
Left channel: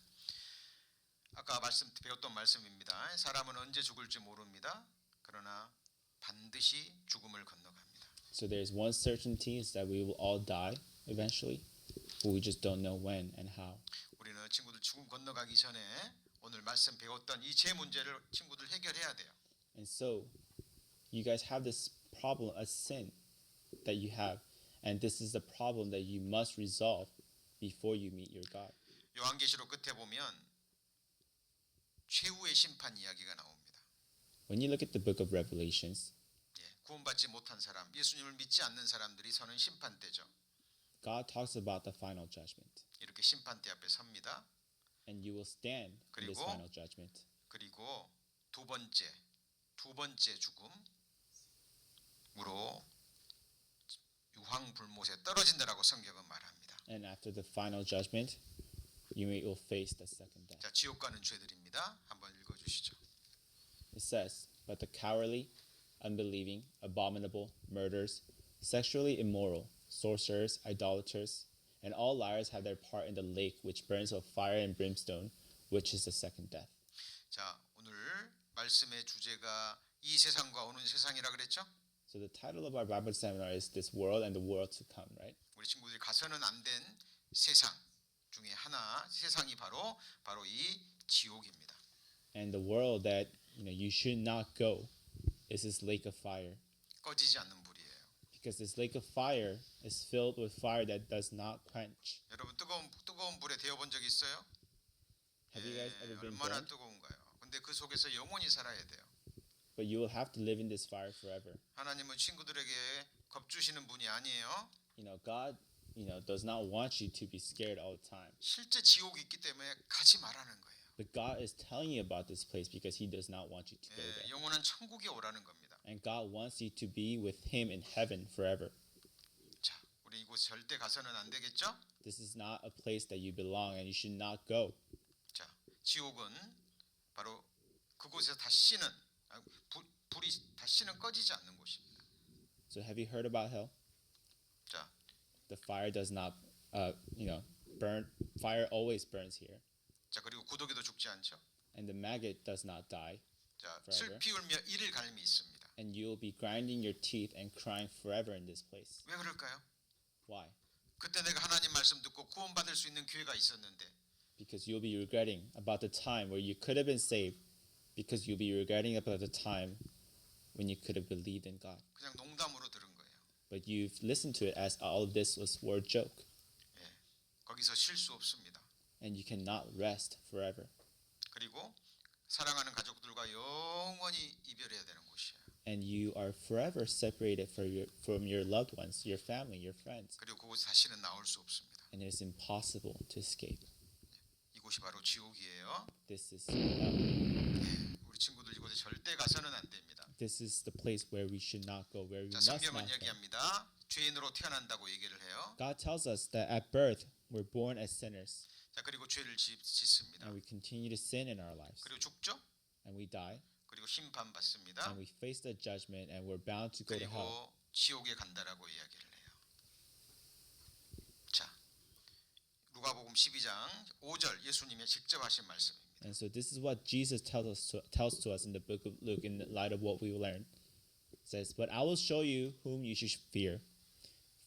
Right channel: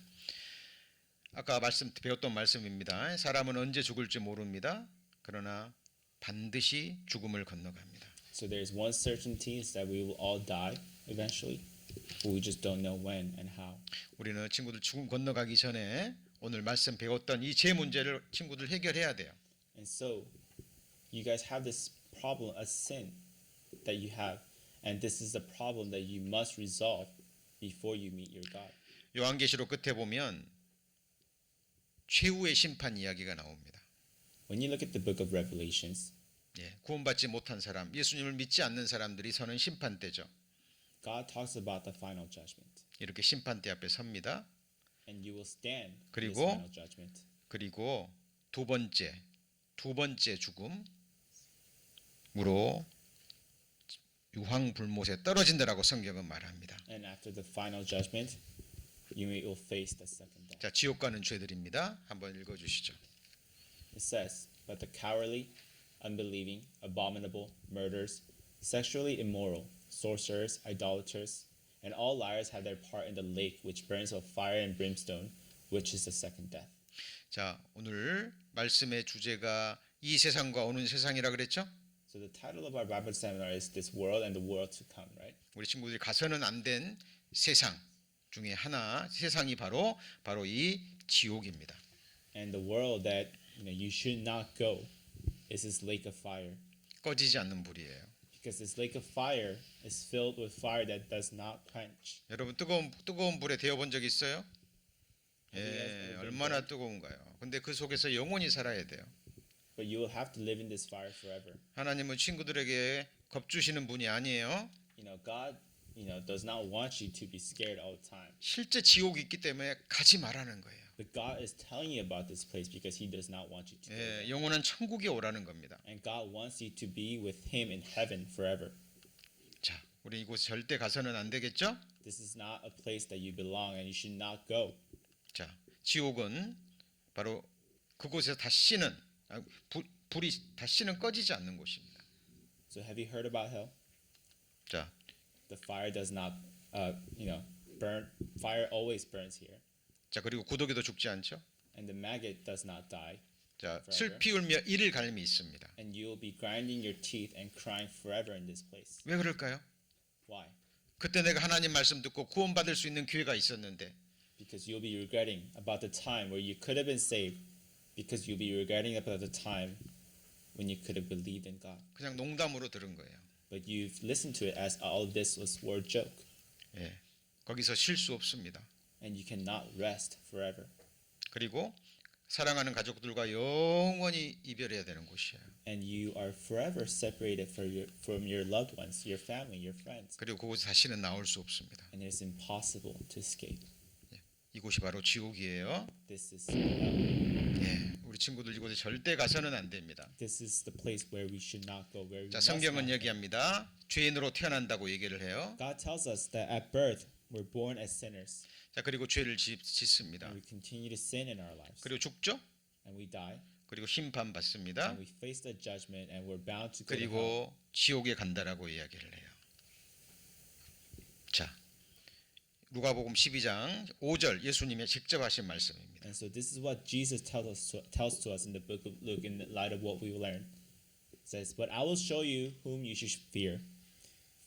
아까 배웠던 말씀입니다. 사람은 언제 죽을지 모릅니다. 그러나 반드시 죽음을 건너갑니다. So there's one certainty is that we will all die eventually, but we just don't know when and how. 우리는 친구들 죽음 건너가기 전에 오늘 말씀 배웠던 이 죄 문제를 친구들 해결해야 돼요. And so you guys have this problem, a sin that you have, and this is the problem that you must resolve before you meet your God. 요한계시록 끝에 보면 최후의 심판 이야기가 나옵니다. When you look at the book of Revelations, 예, 구원받지 못한 사람, 예수님을 믿지 않는 사람들이 서는 심판대죠. God talks about the final judgment, 이렇게 심판대 앞에 섭니다. and you will stand in this 그리고 final judgment. 그리고 두 번째 죽음으로 유황불못에 떨어진다라고 성경은 말합니다. And after the final judgment, you will face the second death. 자, 지옥 가는 죄들입니다. 한번 읽어 주시죠. It says, but the cowardly, unbelieving, abominable, murderers, sexually immoral, sorcerers, idolaters, and all liars have their part in the lake which burns with fire and brimstone, which is the second death. 자, 오늘 말씀의 주제가 이 세상과 오는 세상이라 그랬죠? So the title of our Bible seminar is This World and the World to Come, right? 우리 친구들이 가서는 안 된 세상 중에 하나, 세상이 바로 이 지옥입니다. And the world that you should not go is this lake of fire. 꺼지지 않는 불이에요. Because this lake of fire is filled with fire that does not quench. 여러분 뜨거운 불에 데워 본 적 있어요? Have you guys ever been 얼마나 burned? 뜨거운가요? 근데 그 속에서 영원히 살아야 돼요. But you will have to live in this fire forever. 하나님은 친구들에게 겁주시는 분이 아니에요. God, does not want you to be scared all the time. 실제 지옥이 있기 때문에 가지 말라는 거예요. But God is telling you about this place because He does not want you to go there. 영원한 천국에 오라는 겁니다. And God wants you to be with Him in heaven forever. 자, 우리 이곳 절대 가서는 안 되겠죠? This is not a place that you belong and you should not go. 자, 지옥은 바로 그곳에서 다시는 불이 다시는 꺼지지 않는 곳입니다. So have you heard about hell? 자, The fire does not, burn. Fire always burns here. 자 그리고 구더기도 죽지 않죠? And the maggot does not die. 자, forever. 슬피 울며 이를 갈미 있습니다. And you will be grinding your teeth and crying forever in this place. 왜 그럴까요? Why? 그때 내가 하나님 말씀 듣고 구원받을 수 있는 기회가 있었는데 Because you'll be regretting about the time where you could have been saved. Because you'll be regretting about the time when you could have believed in God. 그냥 농담으로 들은 거예요. But you've listened to it as all of this was word joke. 예, 거기서 쉴 수 없습니다. And you cannot rest forever. 그리고 사랑하는 가족들과 영원히 이별해야 되는 곳이에요. And you are forever separated from your loved ones, your family, your friends. 그리고 그곳에 다시는 나올 수 없습니다. And it is impossible to escape. 이곳이 바로 지옥이에요. This is 우리 친구들 이곳에 절대 가서는 안 됩니다. This is the place where we should not go, where we 자, must not 성경은 go. 얘기합니다. 죄인으로 태어난다고 얘기를 해요. God tells us that at birth we're born as sinners, 자, 그리고 죄를 짓습니다. and we continue to sin in our lives, 그리고 죽죠. and we die, 그리고 심판 받습니다. and we face the judgment, and we're bound to go to hell. 그리고 지옥에 간다라고 이야기를 해요. 자, 누가복음 12장 5절 예수님의 직접 하신 말씀입니다. And so this is what Jesus tells to us in the book of Luke in light of what we learned. It says, "But I will show you whom you should fear.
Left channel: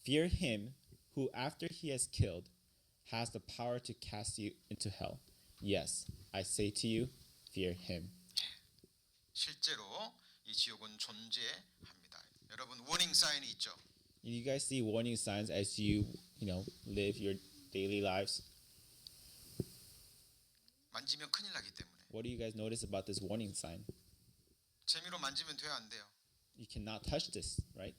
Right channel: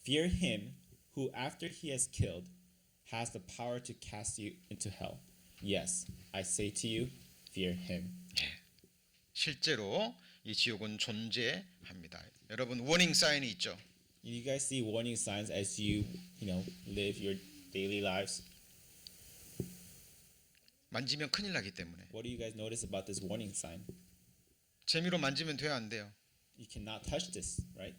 Fear him who, after he has killed, has the power to cast you into hell. Yes, I say to you, fear him." 실제로 이 지옥은 존재합니다. 여러분 워닝 사인이 있죠. You guys see warning signs as you live your daily lives. 만지면 큰일 나기 때문에 What do you guys notice about this warning sign? 재미로 만지면 돼야 안 돼요. You cannot touch this, right?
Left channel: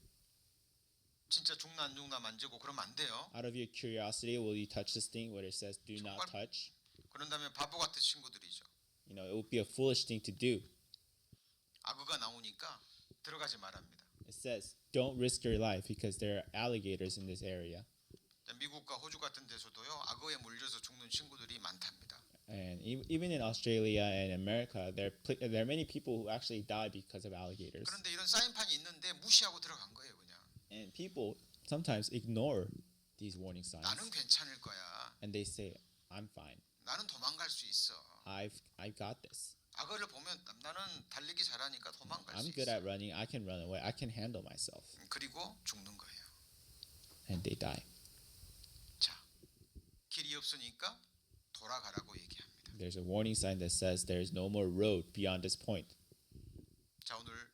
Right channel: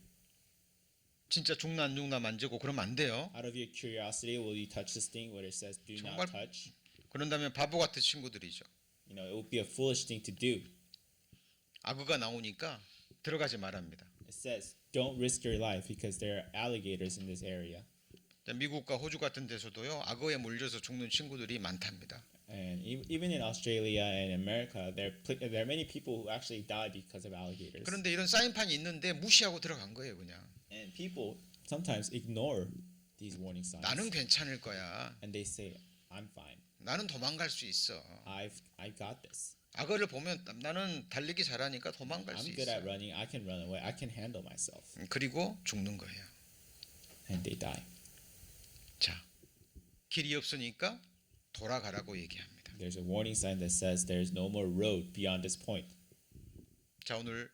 진짜 죽나 안 죽나 만지고 그러면 안 돼요. Out of your curiosity, will you touch this thing where it says "Do 정말- not touch"? 그런다면 바보 같은 친구들이죠. It would be a foolish thing to do. 악어가 나오니까 들어가지 말합니다. It says, "Don't risk your life because there are alligators in this area." 자, 미국과 호주 같은 데서도요 악어에 물려서 죽는 친구들이 많답니다. And even in Australia and America, there are many people who actually die because of alligators. 그런데 이런 사인판이 있는데 무시하고 들어간 거예요, 그냥. And people sometimes ignore these warning signs. 나는 괜찮을 거야. And they say, "I'm fine. 나는 도망갈 수 있어. I got this. 악어를 보면 나는 달리기 잘하니까 도망갈 수 I'm good at 있어. running. I can run away. I can handle myself." 그리고 죽는 거예요. And they die. 자, 길이 없으니까 돌아가라고 얘기합니다. There's a warning sign that says there is no more road beyond this point. 자, 오늘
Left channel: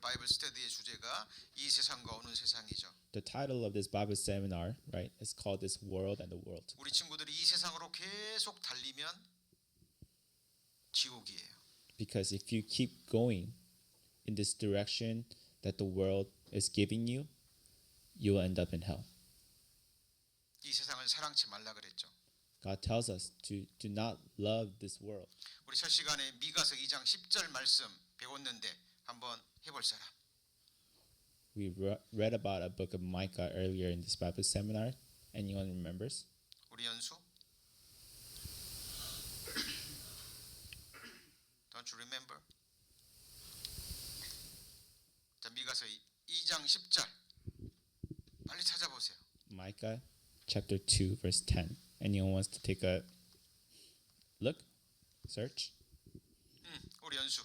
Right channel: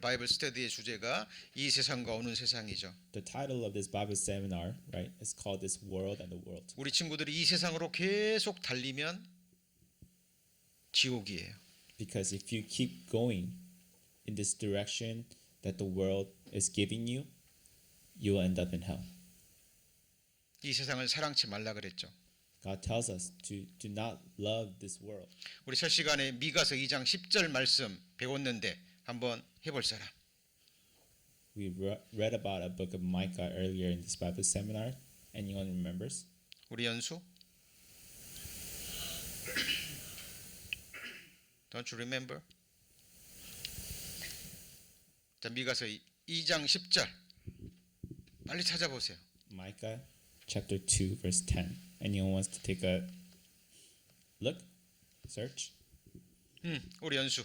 바이블 스터디의 주제가 이 세상과 오는 세상이죠. The title of this Bible seminar, right, is called "This World and the World." 우리 친구들이 이 세상으로 계속 달리면 지옥이에요. Because if you keep going in this direction that the world is giving you, you will end up in hell. 이 세상을 사랑치 말라 그랬죠. God tells us to do not love this world. 우리 첫 시간에 미가서 2장 10절 말씀 배웠는데 한번 해볼 사람. We read about a book of Micah earlier in this Bible seminar. Anyone remembers? 우리 연수? Don't you remember? 자, 미가서 2장 10절 빨리 찾아보세요. Micah chapter 2 verse 10. Anyone wants to take a look? Search? 우리 연수.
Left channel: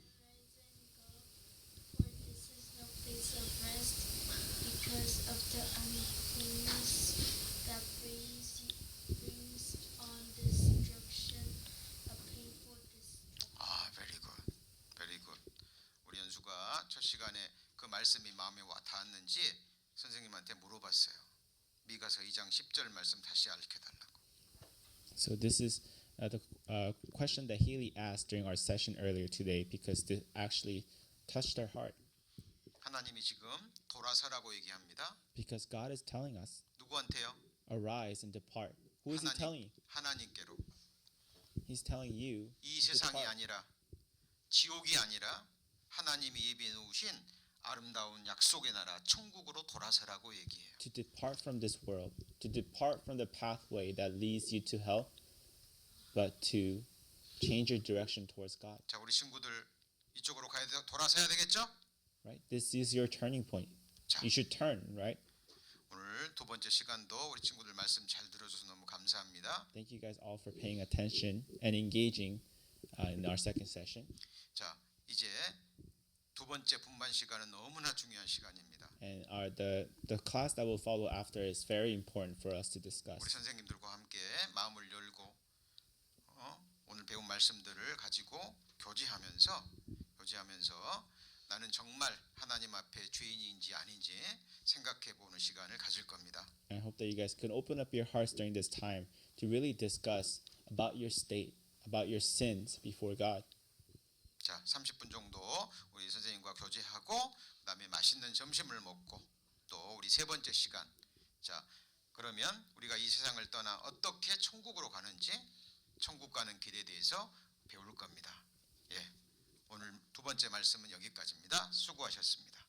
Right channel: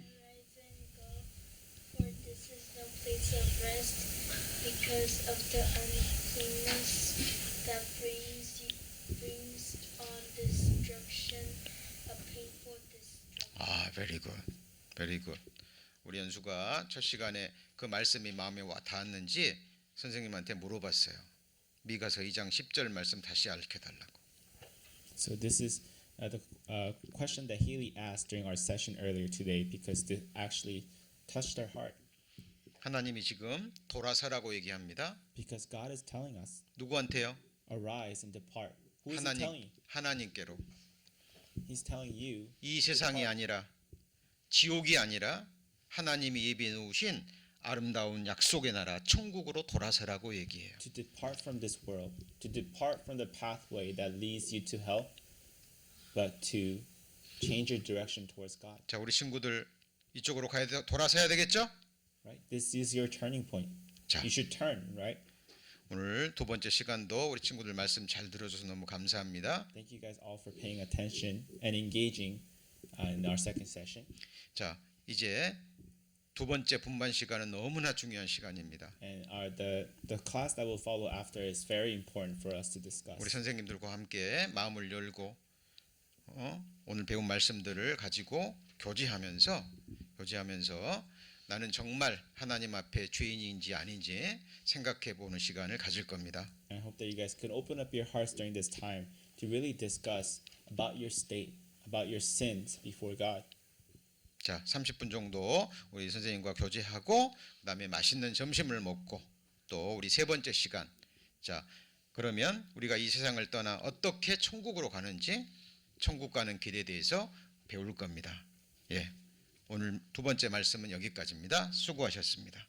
Arise and go, for this is no place of rest, because of the uncleanness that brings on destruction, a painful destruction. very good. Very good. 우리 연수가 첫 시간에 그 말씀이 마음에 와 닿았는지 선생님한테 물어봤어요. 미가서 2장 10절 말씀 다시 알려달라고. So this is the question that Haley asked during our session earlier today because this actually touched our heart. 하나님이 지금 돌아서라고 얘기합니다. Because God is telling us, 누구한테요? arise and depart. Who is he telling? 하나님께로. He's telling you. 이 세상이 아니라 지옥이 아니라 하나님이 예비해 놓으신 아름다운 약속의 나라 천국으로 돌아서라고 얘기해요. To depart from this world, to depart from the pathway that leads you to hell, but to change your direction towards God. 자, 우리 친구들 이쪽으로 가야 돼, 돌아서야 되겠죠? Right? This is your turning point. 자, You should turn, right? 오늘 두 번째 시간도 우리 친구들 말씀 잘 들어줘서 너무 감사합니다. Thank you guys all for paying attention and engaging in our second session. 자, 이제 두 번째 분반 시간은 너무나 중요한 시간입니다. And the class that will follow after is very important for us to discuss. 우리 선생님들과 함께 마음을 열고 오늘 배운 말씀들을 가지고 교제하면서 나는 정말 하나님 앞에 죄인인지 아닌지 생각해 보는 시간을 가질 겁니다. And I hope that you guys can open up your hearts during this time to really discuss about your state, about your sins before God. 자, 30분 정도 우리 선생님과 교제하고 그다음에 맛있는 점심을 먹고 또 우리 세 번째 시간. 자, 그러면 우리가 이 세상을 떠나 어떻게 천국으로 가는지 천국 가는 길에 대해서 배울 겁니다. 예. 오늘 두 번째 말씀은 여기까지입니다. 수고하셨습니다.